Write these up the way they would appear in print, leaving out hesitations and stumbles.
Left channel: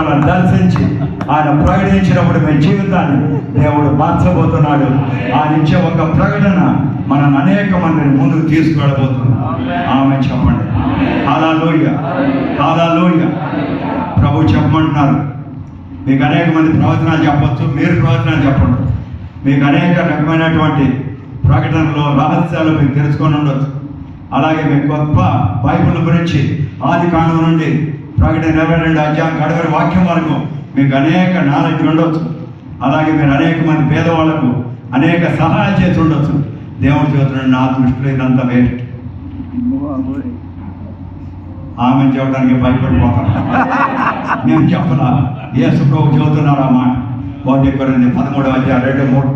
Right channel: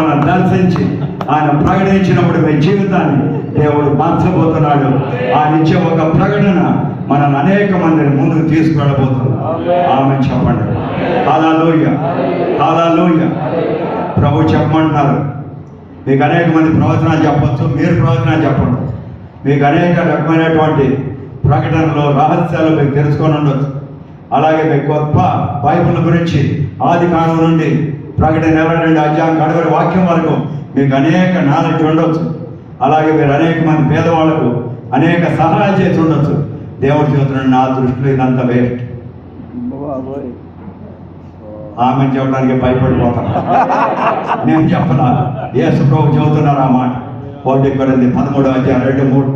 మనల్ని దర్శించి ఆయన ప్రకటించినప్పుడు మీ జీవితాన్ని దేవుడు మార్చబోతున్నాడు. ఆయన ఇచ్చే ఒక ప్రకటన మనల్ని అనేక మందిని ముందుకు తీసుకువెళ్ళబోతున్నాడు. ఆమె చెప్పండి. హల్లెలూయా, హల్లెలూయా. ప్రభు చెప్పమంటున్నారు, మీకు అనేక మంది ప్రవచనాలు చెప్పచ్చు, మీరు ప్రవచనాలు చెప్పండి. మీకు అనేక రకమైనటువంటి ప్రకటనలో రహస్యాలు మీకు తెలుసుకొని ఉండొచ్చు. అలాగే మీకు గొప్ప బైబిల్ గురించి ఆది కాండం నుండి ప్రకటన 22 అధ్యాయం కడవరి వాక్యం వరకు మీకు అనేక నాలెడ్జ్ ఉండొచ్చు. అలాగే మీరు అనేక మంది పేదవాళ్ళకు అనేక సహాయం చేసి ఉండొచ్చు. దేవుడు చెబుతున్నాడు, నా దృష్టిలో ఇదంతా వేస్ట్. ఆమె చెప్పడానికి భయపడిపోతాను. నేను చెప్పనా, యేసు ప్రభు చెబుతున్నారు ఆ మాట. 1 కొరింథీ 13 అధ్యాయం 2-3.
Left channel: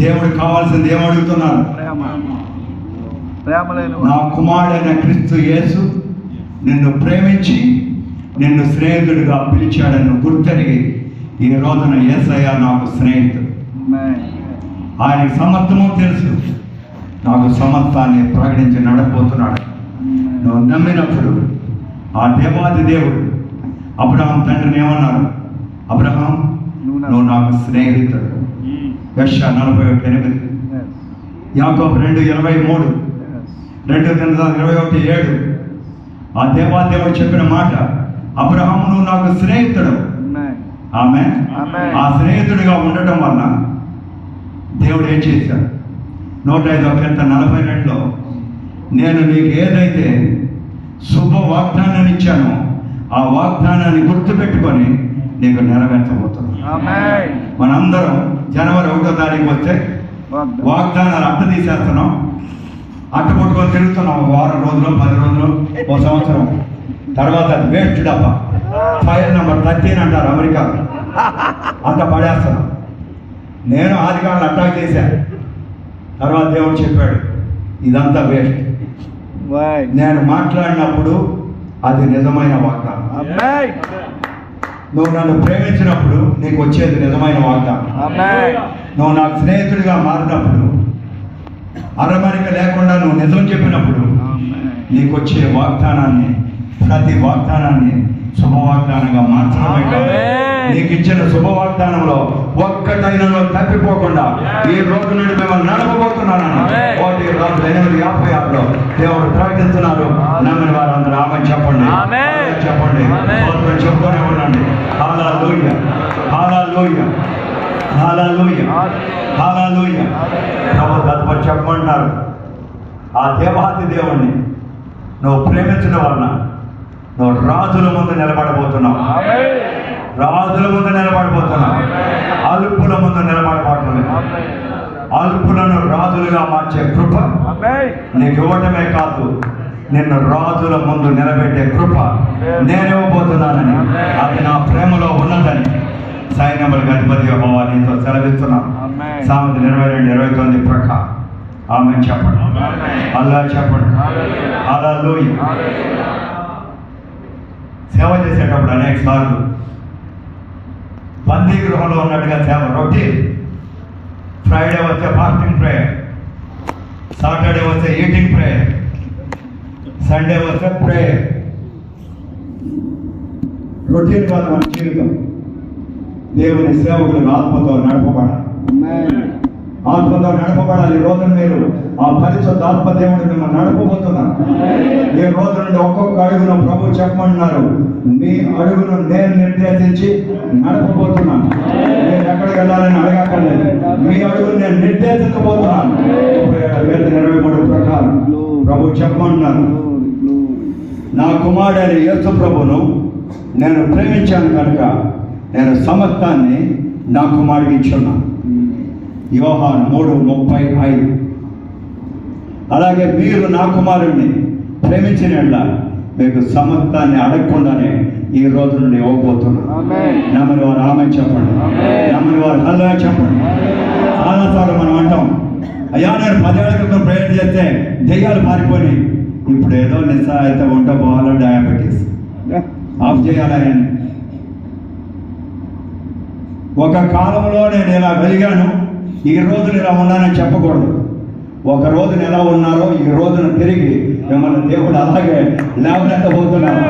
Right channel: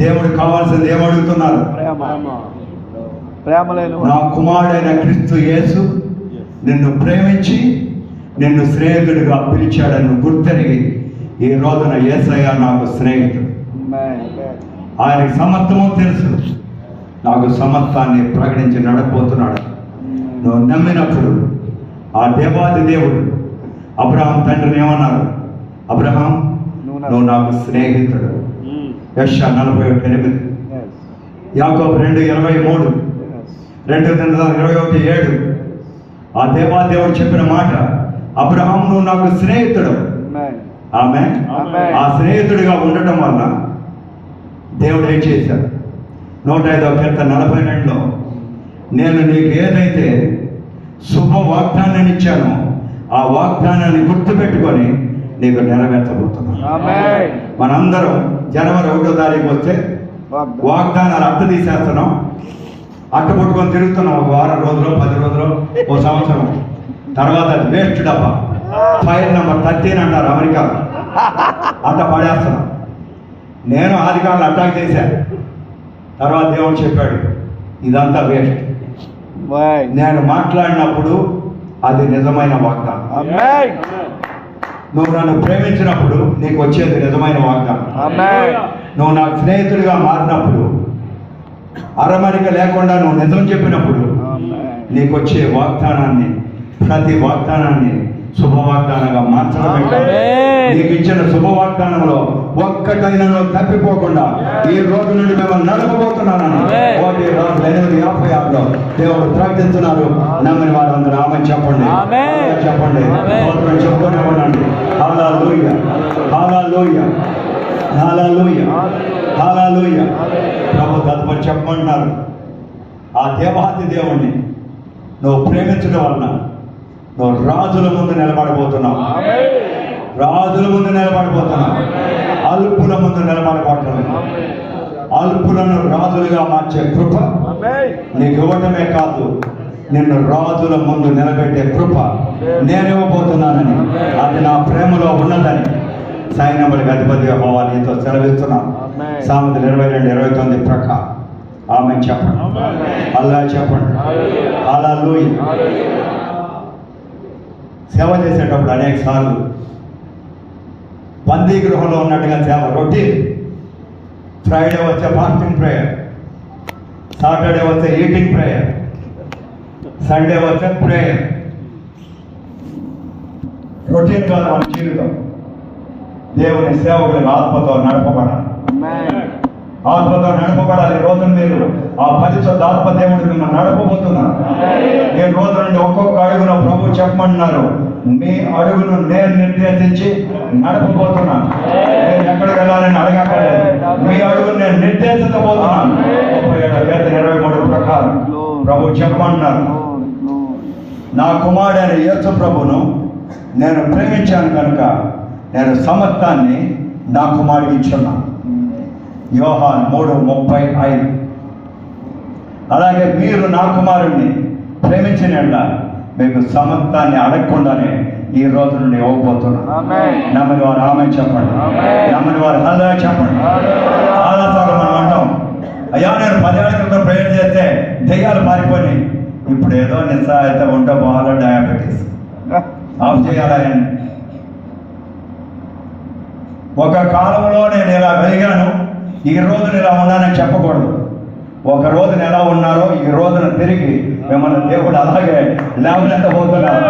దేవుడు కావాల్సింది ఏమడుగుతున్నారు? నా కుమారుడైన క్రీస్తు యేసు నిన్ను ప్రేమించి నిన్ను స్నేహితుడిగా పిలిచాడని గుర్తెరిగి ఈ రోజున యేసయ్య నాకు స్నేహితుడు. ఆయనకి సమర్థమో తెలుసు. నాకు సమర్థాన్ని ప్రకటించి నడపోతున్నాడు. నువ్వు నమ్మినప్పుడు ఆ దేవాది దేవుడు అబ్రహాం తండ్రిని ఏమన్నారు? అబ్రహాం, నువ్వు నాకు స్నేహితుడు. యెషయా 41:8, యాకోబు 2:23, 2:21, ఆ దేవాదేవుడు చెప్పిన మాట, అబ్రహాం నువ్వు నాకు స్నేహితుడు. ఆమె ఆ స్నేహితుడిగా ఉండటం వల్ల దేవుడు ఏం చేశాడు? 105వ కీర్తన 42లో, నేను నీకు ఏదైతే శుభ వాగ్దానాన్ని ఇచ్చానో ఆ వాగ్దానాన్ని గుర్తుపెట్టుకొని నీకు నెరవేర్చబోతున్నాను. మనందరం జనవరి 1వ తారీఖు వస్తే వాగ్దానాలు అట్ట తీసేస్తున్నాం, అట్ట పట్టుకొని తిరుగుతున్నాం. ఒక వారం రోజులు, 10 రోజులు, ఓ సంవత్సరం తర్వాత అది వేస్ట్ డబ్బా. ఫైల్ నెంబర్ 13 అంటారు అమెరికా. అట్ట పడేస్తున్నాం. నేను ఆదికాలను అటాక్ చేశాను. తర్వాత దేవుడు చెప్పాడు, ఇదంతా వేస్ట్. నేను మాట్లాడినప్పుడు అది నిజమైన వాగ్దానం. నువ్వు నన్ను ప్రేమించినప్పుడు నీకు వచ్చేది నిజమైన వాగ్దానం. నువ్వు నాకు స్నేహితుడిగా మారినప్పుడు, అరమరిక లేకుండా నువ్వు నిజం చెప్పినప్పుడు నీకు వచ్చే వాగ్దానాన్ని, ప్రతి వాగ్దానాన్ని శుభవాగ్దానంగా మార్చడమే కాదు, నీకు ఇచ్చిన శుభవాగ్దానంలో ఒక్కటైనా తప్పిపోకుండా ఈ రోజు నుండి మిమ్మల్ని నడపబోతున్నాను. 1:56 దేవుడు ప్రకటిస్తున్నారు. నమ్మిన వారందరూ ఆమె చెప్పండి, చెప్పండి, చెప్తూనే ఉండండి. హల్లెలూయా, హల్లెలూయా, హల్లెలూయా, హల్లెలూయా. ప్రభు తదుపరి చెప్పమంటున్నారు, ఆ దేవాది దేవుణ్ణి నువ్వు ప్రేమించడం వలన నువ్వు రాజుల ముందు నిలబడబోతున్నావు. రాజుల ముందు నిలబడబోతున్నావు. అల్పుల ముందు నిలబడబోతున్నావు. అల్పులను రాజులుగా మార్చే కృప నీకు ఇవ్వటమే కాదు, నిన్ను రాజుల ముందు నిలబెట్టే కృప నేను ఇవ్వబోతున్నానని, అది నా ప్రేమలో ఉన్నదని సైన్యములకు అధిపతిగా యెహోవా నీతో సెలవిస్తున్నాను. సామెతలు 22:29 ప్రకారం ఆమె చెప్పండి. అల్లా చెప్పండి. హల్లెలూయా. సేవ చేసేటప్పుడు అనేక సార్లు బందీ గృహంలో ఉన్నట్టుగా సేవ రొటీన్. ఫ్రైడే వస్తే ఫాస్టింగ్ ప్రేయర్, సాటర్డే వస్తే ఈటింగ్ ప్రేయర్, సండే వస్తే ప్రేయర్. రొటీన్ కదా మన జీవితం. దేవుని సేవకుని ఆత్మతో నడపబడాలి. ఆత్మతో నడపబడాలి. ఈ రోజు మీరు ఆ పరిశుద్ధ ఆత్మ దేవుడు మిమ్మల్ని నడపబోతున్నారు. ఈ రోజు నుండి ఒక్కొక్క అడుగులో ప్రభు చెప్పమంటున్నారు, మీ అడుగును నేను నిర్దేశించి నడపబోతున్నాను. నేను ఎక్కడికి వెళ్ళాలని అడగక్కర్లేదు, మీ అడుగును నేను నిర్దేశించబోతున్నాను. 37:23 ప్రకారం ప్రభు చెప్పమంటున్నారు, నా కుమారుడైన యేసు ప్రభును నేను ప్రేమించాను కనుక నేను సమర్థాన్ని నా కుమారుడికి ఇచ్చున్నాను. యోహాను 3:35. అలాగే మీరు నా కుమారుడిని ప్రేమించిన మీకు సమర్థాన్ని అడగకుండానే ఈ రోజు నుండి ఇవ్వబోతున్నాను. నమ్మని వారు ఆమె చెప్పండి, నమ్మని వారు హల్లెలూయా చెప్పండి. చాలాసార్లు మనం అంటాం, అయ్యా నేను 10 ఏళ్ల క్రితం ప్రేయర్ చేస్తే దెయ్యాలు పారిపోయి, ఇప్పుడు ఏదో నిస్సహాయత ఉంటే బాగా డయాబెటీస్ ఆఫ్ చేయాలని. ఒక కాలంలో నేను ఇలా వెలిగాను, ఈ రోజున ఇలా ఉన్నానని చెప్పకూడదు. ఒక రోజున ఎలా ఉన్నారో ఈ రోజున తిరిగి మిమ్మల్ని దేవుడు అలాగే లేవనెత్తబోతున్నారు.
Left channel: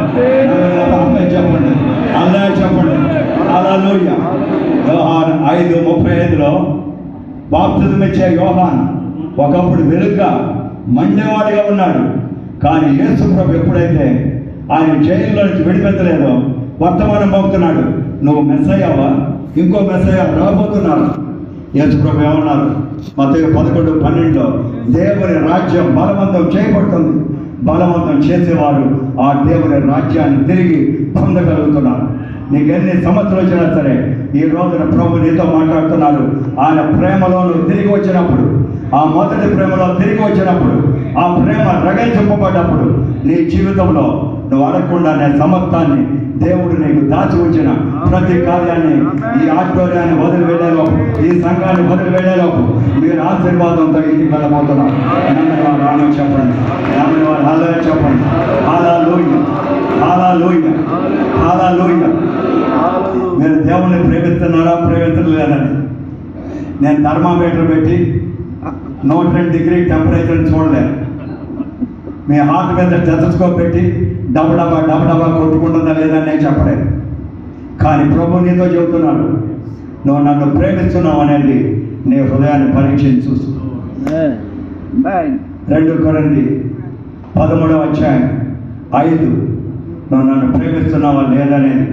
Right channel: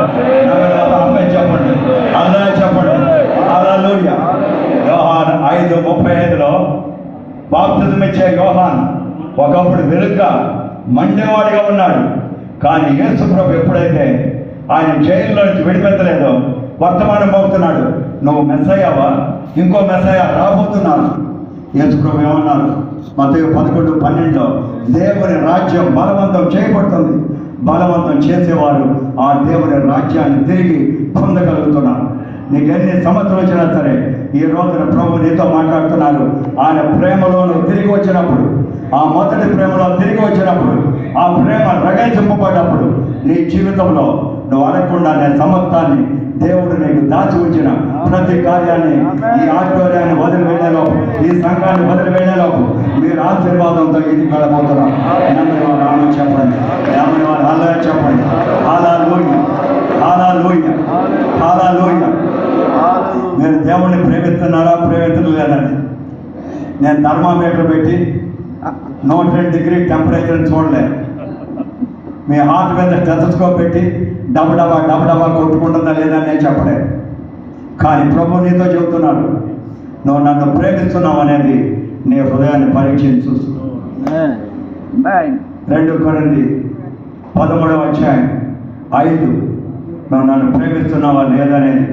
చెప్పండి, అందరూ ఉండేవాడిగా ఉన్నాడు. కానీ యేసు ప్రభు ఎప్పుడైతే ఆయన జైల్లో నుంచి విడిపెత్తలేదో వర్తమానం అవుతున్నాడు, నువ్వు మెస్సయ్యవా, ఇంకో మెస్సయ్య రాబోతున్నాడు. యేసు ప్రభు ఏమన్నారు? మత్తయి 11:12 దేవుని రాజ్యం బలవంతం చేయబడుతుంది, బలవంతం చేసేవారు ఆ దేవుని రాజ్యాన్ని తిరిగి పొందగలుగుతున్నారు. నీకు ఎన్ని సంవత్సరాలు వచ్చినా సరే ఈ రోజున ప్రభు నీతో మాట్లాడుతున్నాడు. ఆయన ప్రేమలో నువ్వు తిరిగి వచ్చినప్పుడు, ఆ మొదటి ప్రేమలో తిరిగి వచ్చినప్పుడు, ఆ ప్రేమ రగించబడ్డప్పుడు నీ జీవితంలో నువ్వు అడగకుండా నా సమర్థాన్ని దేవుడు నీకు దాచి ఉంచిన ప్రతి కార్యాన్ని, ఈ ఆధ్వర్యాన్ని వదిలివేయలోపు, ఈ సంఘాన్ని వదిలివేయలోపు మీరు ఆశీర్వాదంతో ఇంటికి వెళ్ళబోతున్నారు. నన్ను వారు ఆనంద చెప్పండి, నన్ను వారు ఆలోచన చెప్పండి. హల్లెలూయా, హల్లెలూయా, హల్లెలూయా. నేను దేవుణ్ణి ప్రేమిస్తున్నారా ప్రేమించలేదని నేను థర్మామీటర్ పెట్టి 102 డిగ్రీ టెంపరేచర్ చూడలేదు. మీ హార్ట్ మీద స్టెథోస్కోప్ పెట్టి డబ్బడబా కొట్టుకుంటుందా లేదని నేను చెప్పలేదు. కానీ ప్రభు నీతో చెబుతున్నాడు, నువ్వు నన్ను ప్రేమిస్తున్నావు అనేది నీ హృదయాన్ని పరీక్షించు. 2 కొరింథీ 13:5 నువ్వు నన్ను ప్రేమిస్తున్నావా లేదనేది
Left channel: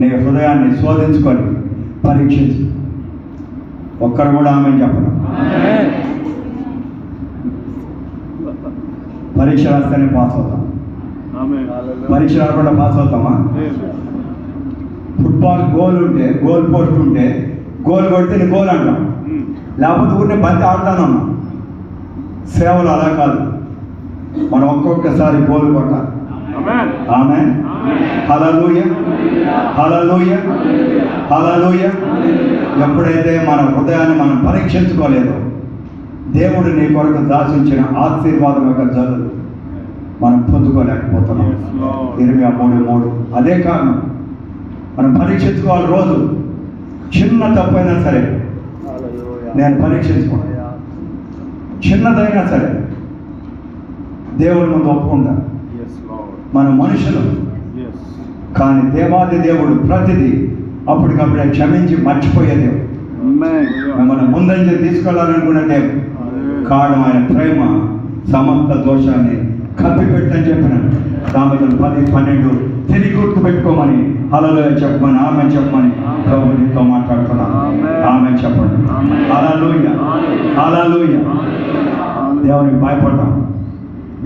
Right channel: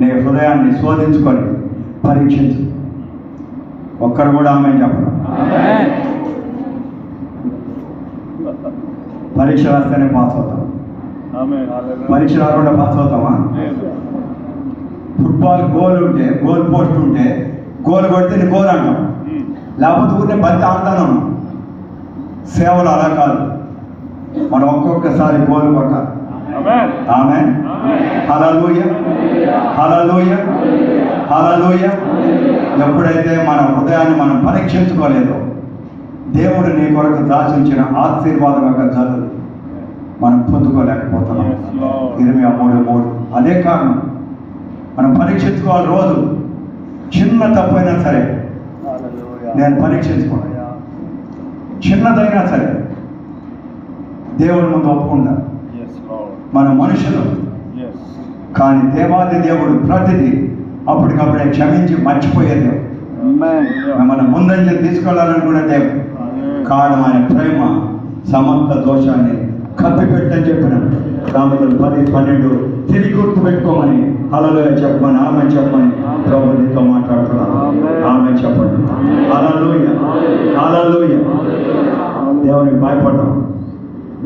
నీ హృదయాన్ని శోధించుకొని పరీక్షించు. ఒక్కరు కూడా ఆమె చెప్పడు. పరీక్ష రాస్తేనే పాస్ అవుతాం, పరీక్ష రాకుండా పాస్ అవుతామా? ఫుట్బాల్ గోల్ ఉంటే, గోల్ పోస్ట్ ఉంటే గోల్ కొడితే నీ గోల్ అంటాం, లేకపోతే ఊరినే బంతి ఆడతాను. సేవలు అలా కాదు, మనం ఒక్కొక్కసారి గోల్ కొట్టాలి. ఆమేన్, హల్లెలూయా, హల్లెలూయా, హల్లెలూయా. ఎప్పుడైతే మన హృదయాన్ని మనం పరీక్షించుకోలేదో దేవుడు నీ కొరకు దాచుంచిన ఆశీర్వాదం యొక్క జల్లు మనం పొందుకోలేకపోతున్నాం. 23:3 అదే కారణం. మనం పరీక్షించుకోవాలి. రోజు చిన్న తప్పైనా సరే నేను పరీక్షించుకోవాలి, చిన్నదైనా సరే దేవుడి ముందు ఒప్పుకుంటా. మన మనుషులు కానీ దేవాది దేవుడు ప్రతిదీ అప్పటికప్పుడే క్షమించి మర్చిపోయే దేవుడు, మిమ్మల్ని ముందంజ తీసుకెళ్ళాలనుకునే దేవుడు. కారణం ఆయన ప్రేమ సమస్త దోషాన్ని కప్పిపెట్టని చెప్పిన దానిలో 10:12 తిరిగి గుర్తు పెట్టుకోమని హల్లెలూయా చెప్పమని, ఆమె చెప్పమని ప్రభు నీతో మాట్లాడుతున్నాను. ఆమె చెప్పండి. హల్లెలూయా, హల్లెలూయా. దేవునికి భయపడతాం,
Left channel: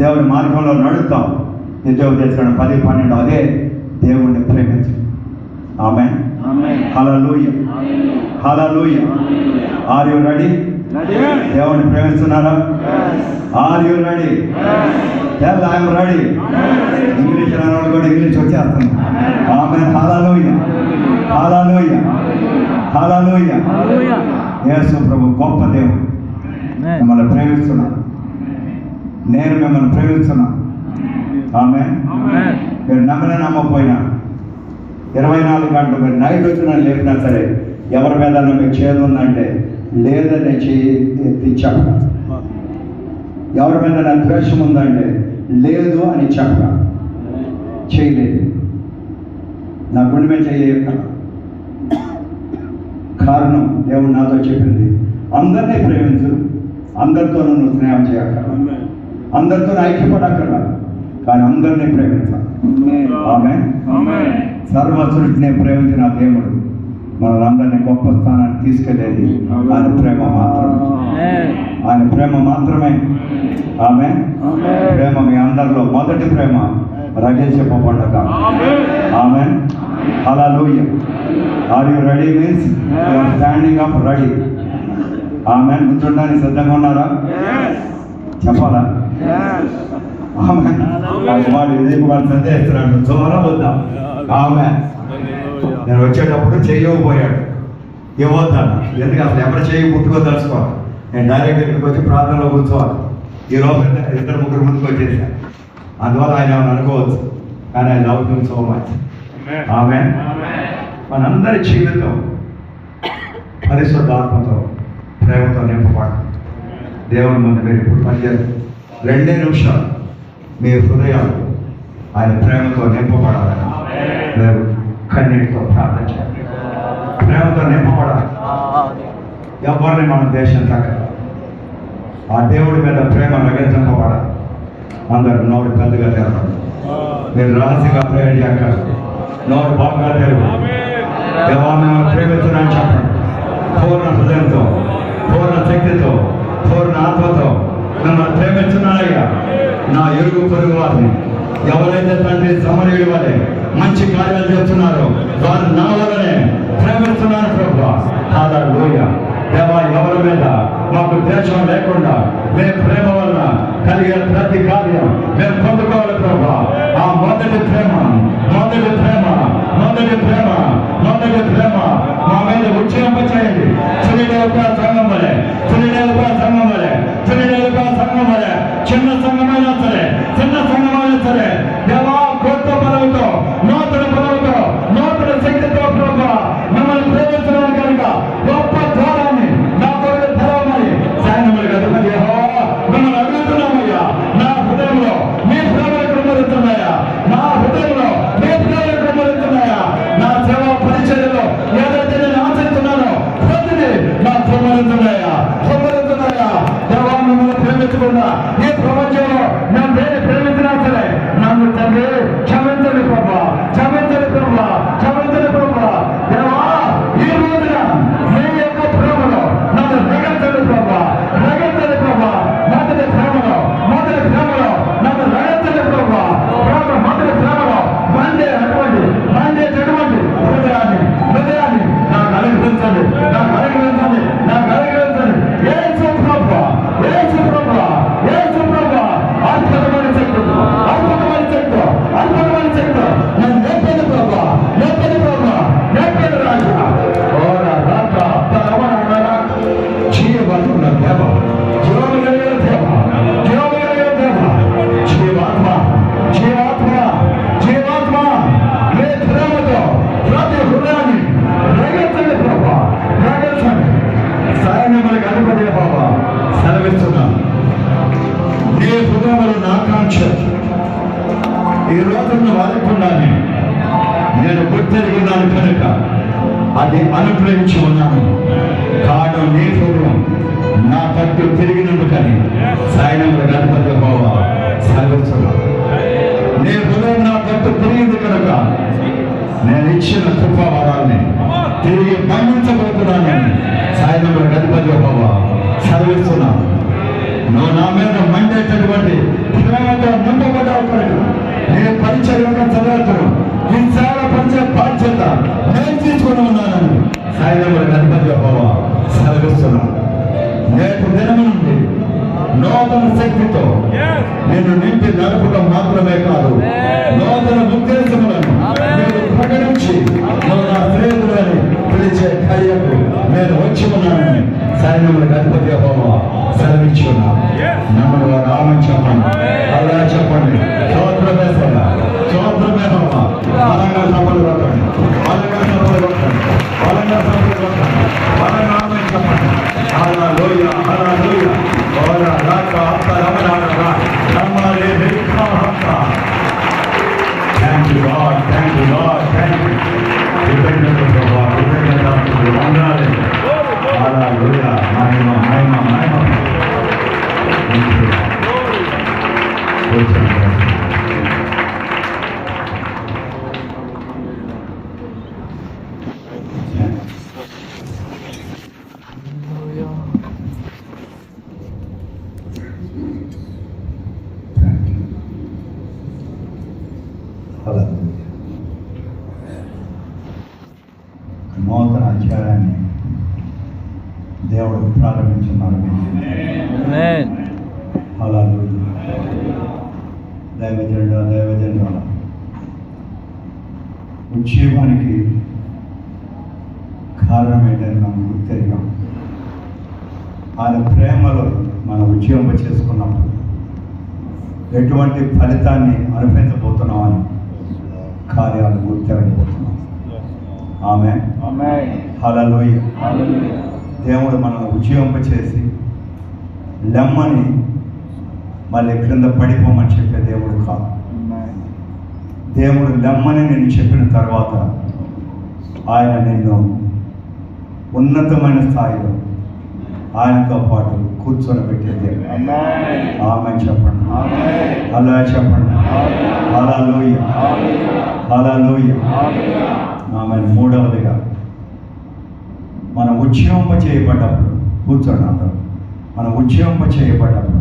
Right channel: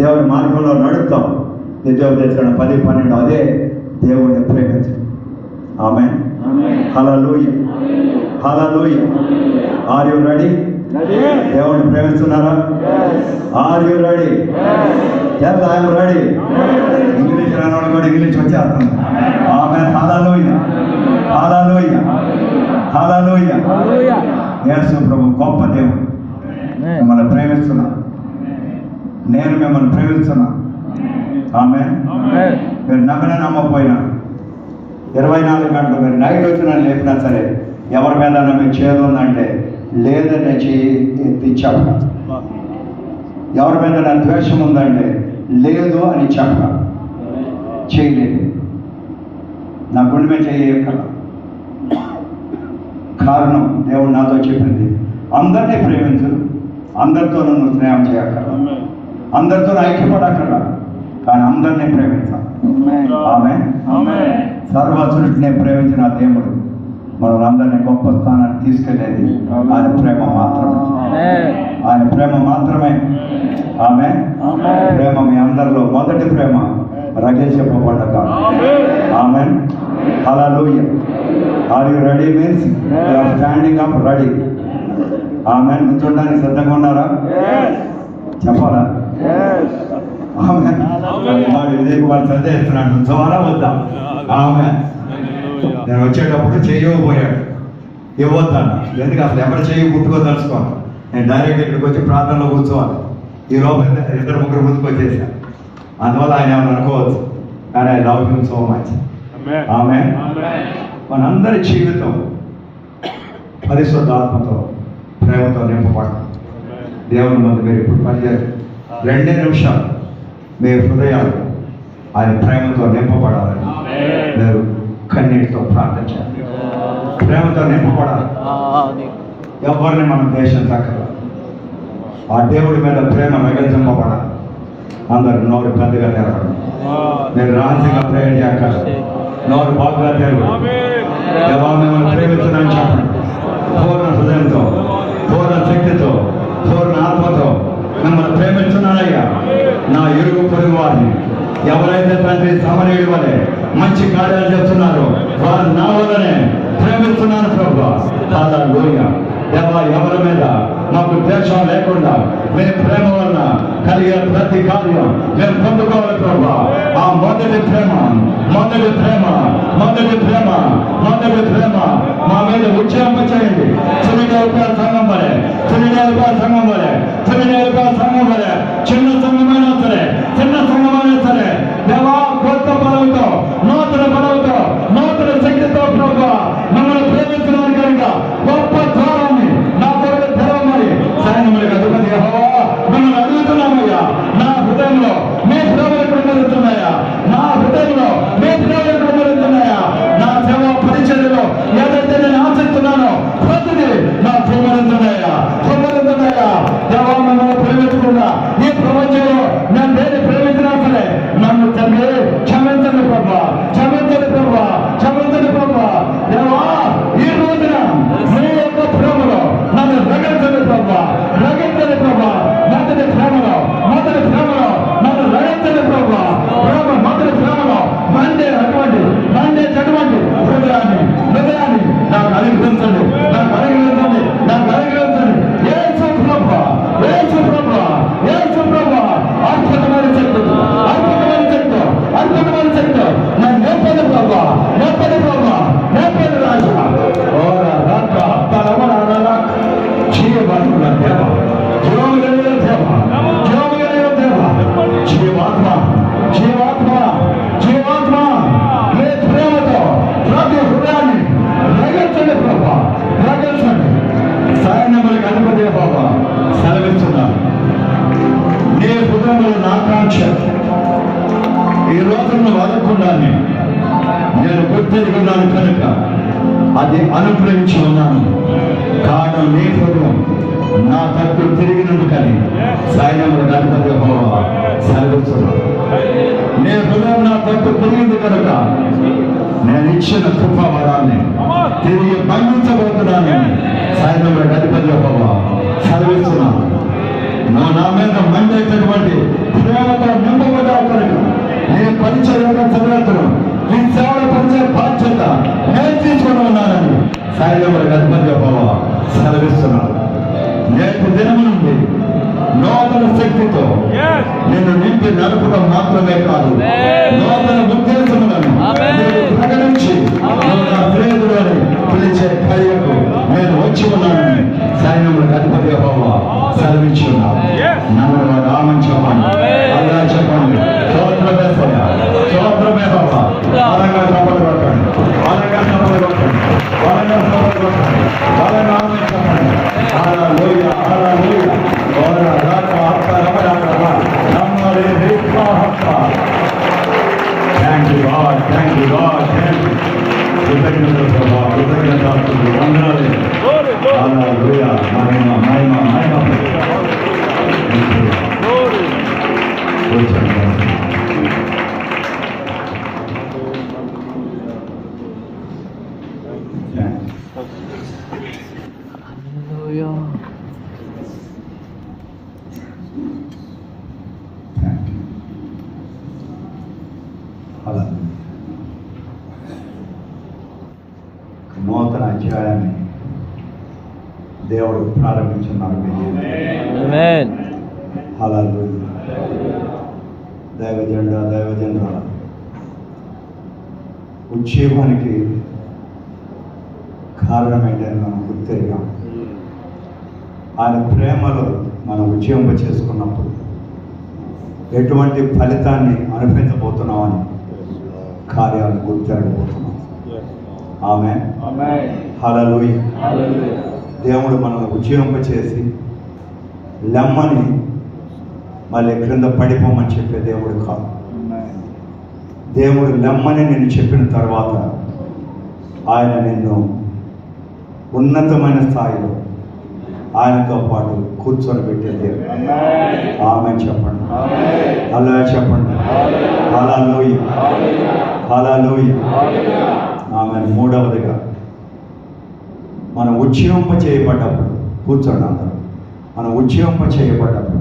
దేవుని మార్గంలో నడుస్తాం. ద్వితీయోపదేశకాండం 10:12 అదే దేవుడిని ప్రేమించు. ఆమేన్, హల్లెలూయా, హల్లెలూయా. Are you ready? దేవుడిని ప్రేమిస్తున్నారా? Are you ready? yes I am ready. English రానోడు కూడా ఇంగ్లీష్ వచ్చేస్తుంది. ఆమేన్, హల్లెలూయా, హల్లెలూయా, హల్లెలూయా. యేసు ప్రభు గొప్ప దేవుడు. మిమ్మల్ని ప్రేమిస్తున్నా, నేను మిమ్మల్ని ప్రేమిస్తున్నా. ఆమేన్. మీరు నమ్మినా నమ్మకపోయినా 24 గంటలు మీరు నైట్ వచ్చినా లేపినా సరే ఎవరి మీద మీకు చేరుందంటే లేదని చెయ్యి ఎత్తి చెప్పడం, ఎవరి మీద ద్వేషం ఉందంటే లేదు అని చెప్పడం. చేయలేదు, నా గుండె మీద చేయక కారణం దేవుడు నాతో చెప్పింది, అందరినీ ప్రేమించు, అందరితో నువ్వు స్నేహం చేయక్కర్లా, అందరితో ఐక్యపడక్కర్లా, కానీ అందరినీ ప్రేమించాలి. ఆమేన్. సర్వసృష్టిని ప్రేమించిన దేవుడు మనల్ని అందరినీ గొప్ప స్థానాన్ని తీసుకెళ్ళేది ఆయన ప్రేమ మాత్రమే, ఆయన ప్రేమ మాత్రమే. ఆమేన్. ప్రేమ మీ అందరిలో మొదటి ప్రేమ రగిలించబడ్డాక. ఆమేన్, హల్లెలూయా. Are you ready? Means you are standing up ready. ఆమేన్. కూర్చోడానికి సిద్ధంగా ఉన్నారా? చెప్పాలా? ఆమేన్. వాడు విజయ్ కుమార్ సందేహిస్తున్నాడు, జ్వరం వద్దాం. ఆమేన్. నేను వచ్చేటప్పుడు చేయకపోయాడు, ఇవ్వద్దాను. ఎందుకు అసలు ఎవరు చేయి పుట్టుకోదలుచుకోవాలి. నేను డైరెక్ట్ ఇక్కడికి వచ్చి ప్రార్థనలో కూర్చోవాలి. ఈ రోజు 2-3 ముందుకు వచ్చేసా, అందువల్ల ఆయన అనుకోవచ్చు, కానీ I love him so much. ఆమేన్. మనందరి జీవితం పరిశుద్ధాత్మతో ప్రేమతో నింపబడ దేవుని ముందు మీరు ఇప్పుడు పనిచేయాలి. 2 నిమిషాలు మీ హృదయాలు ఆయన ప్రేమతో నింపబడాలని మీరు కన్నీటితో ప్రార్థన చేయాలి. ప్రేమతో నింపబడాలి. ఎవరిని మనం దేశం తగ్గ ఆ దేవుడి మీద ప్రేమ రగిలింపబడాలి. అందరు నోరు పెద్దగా తెరపండి. మీరు రహస్యంగా ప్రేయర్ చేయగలరు. నోరు బాగా తెరపండి. దేవా మిమ్మల్ని ప్రేమిస్తున్నాను చెప్పండి. పూర్ణ హృదయంతో, పూర్ణ శక్తితో, పూర్ణ ఆత్మతో మిమ్మల్ని ప్రేమిస్తున్నానయ్యా. నా ఇరుగు పొరుగు వారిని ఎవరైతే తండ్రి సమరయుడి వల్లే మంచి కార్యాలు చేస్తున్నారో వారు నా వల్లనే ప్రేమిస్తున్నాను ప్రభువా. హల్లెలూయా. దేవా ఎవరి మీద మాకు ద్వేషం లేకుండా మేము ప్రేమ వల్ల కలిగే ప్రతి కార్యం మేము పొందుకోవాలి ప్రభువా. ఆ మొదటి ప్రేమ మొదటి ప్రేమ మొదటి ప్రేమ మొదటి ప్రేమ మా మీద ఉజ్జయింపచేయండి. తునిడేలుగా సంఘం వలె, తునిడేలుగా సంఘం వలె, తునిడేలుగా సంఘం వలె, చిన్న సంఘమైనా సరే, చిన్న సంఘమైనా సరే దేవా కొత్త పదవితో, నూతన పదవితో, నూతన శక్తితో ప్రభువా మిమ్మల్ని ప్రేమించడానికి కనుక గొప్ప ద్వారాన్ని నా కొరకు తెరవమని సైన్యములకు అధిపతి యెహోవా మిమ్మల్ని అడుగుతున్నామయ్యా. నా హృదయంలో మీ ప్రేమలు కుమరుతున్నాయా? నా హృదయంలో మీ ప్రేమలు కుమరుతున్నాయా? నా సేవా పరిచర్యలో ఏదైతే నేను ఆశిస్తున్నానో ప్రతిదీ నా కుమరుతున్నాయా? కుమరుతున్నాయా? దేవా మిమ్మల్ని ప్రేమించుకున్నా ఈ ప్రపంచంలో నేను దేన్ని ప్రేమించినా సరే నన్ను తండ్రి క్షమించండి ప్రభువా, క్షమించండి ప్రభువా, క్షమించండి ప్రభువా. దేవా ఈ రోజున మీ యొక్క ప్రేమలో నన్ను రగించండి ప్రభువా, రగించండి ప్రభువా. మొదటి ప్రేమలో నన్ను రగించండి ప్రభువా. ప్రేమ మొదటి ప్రేమలో మండే అటువంటి హృదయాన్ని నాకు అనుగ్రహించండి, నాకు అనుగ్రహించండి, నాకు అనుగ్రహించండి. యేసు ప్రభువా, యేసు ప్రభువా, యేసు ప్రభువా. అద్భుతమైన శక్తితో, అద్భుతమైన శక్తితో, అద్భుతమైన శక్తితో నేను నింపండి ప్రభువా, నింపండి ప్రభువా, నింపండి రాజా. ఓరా రాజ హప్తారవరా జీవముల దేవ, జీవముల దేవ, జీవముల దేవ, జీవాత్మ, జీవాత్మ, జీవాత్మ మీ ప్రేమతో ప్రతి హృదయాన్ని రగించండి ప్రభువా, రగించండి. సైన్యములకు అధిపతి యెహోవా సెలవిస్తున్నాను. నీ హృదయములు నా కాంక్ష ఈ రోజును వాడుకున్నాను. నేను గుర్తెరిగినాను కనుక అది అనుగ్రహించి ఉన్నాను. కారణం నీ హృదయం నా తట్టు తిరిగినందుకని సైన్యములకు అధిపతి యెహోవా సెలవిస్తున్నాను. నీ హృదయం నా తట్టు తిరిగింది కనుక నేను ఇచ్చిన కృపావరాల్ని తిరిగి మన్నించబోతున్నానని సైన్యములకు అధిపతి యెహోవా సెలవిస్తున్నాను. నువ్వు నా మీద మండేటటువంటి ప్రేమతో నింపబడ్డావు. నీ పరిచయం చదువుతును నీ సేవల పరిచయ బాధ్యత నేను తీసుకుని ఉన్నానని సైన్యములకు అధిపతి యెహోవా సెలవిస్తున్నాను. నేటి దినము నుండి నూతన శక్తితో నేను నింపి నడపడం మాత్రమే కాదు, నూతన ఉద్దేశములను నేను ప్రకటించి నువ్వు నా ప్రేరులని పిలిచే కార్యకు నేను వచ్చి ఉన్నానని సైన్యములకు అధిపతి యెహోవా సెలవించున్నాను. నన్ను రామని చెప్పండి, అలా చెప్పండి. స్తోత్రమేసయ్యా, స్తోత్రమే యెహోవా. బలంగా సభలు పట్టండి, బలంగా సభలు పట్టండి, బలంగా సభలు పట్టండి, బలంగా ఆమె చెప్పండి. హల్లెలూయా, హల్లెలూయా. ఓరా రాక అప్పరమరాక రమరే రిక్మహక. Thank you God, thank you God, thank you. కృతజ్ఞత ప్రభువా, కృతజ్ఞత వందనాలు. హల్లెలూయా. మహిమ మహిమ మహిమ. నూతన అధ్యాయాన్ని దేవుడు ప్రారంభించున్నాడు. హల్లెలూయా. దైవజనుల ఉజ్జీవానికి కారణం ఏంటని మనం గుర్తెరిగాం. ఆయన ప్రేమలో మనం ఉజ్జీవింప చేసుకున్నప్పుడు ఎటువంటి ఫలితాన్ని అనుభవించబోతున్నామని కార్యాలను గుర్తెరగబోతున్నాం. ఆమేన్. హల్లెలూయా. దేవుడు మనల్ని ఉజ్జీవింప చేసి లెమ్మని మళ్ళీ క్రింద పడిపోమని చెప్పే దేవుడు కాదు. దేవుడు లెమ్మని నేను చెప్పిన తర్వాత ఆయన నిన్ను ఉన్నతమైన స్థాయిలో ఆయనతో పాటు కూర్చొని పెట్టేది. ఆమె చెప్పండి, అలా చెప్పండి, హల్లెలూయ, హల్లెలూయ. ఆమె మూడవదిగా మనం ఉజ్జీవింప చేయబడ్డప్పుడు, కూర్చోండి అందరూ, మనం ఉజ్జీవింప చేయబడ్డప్పుడు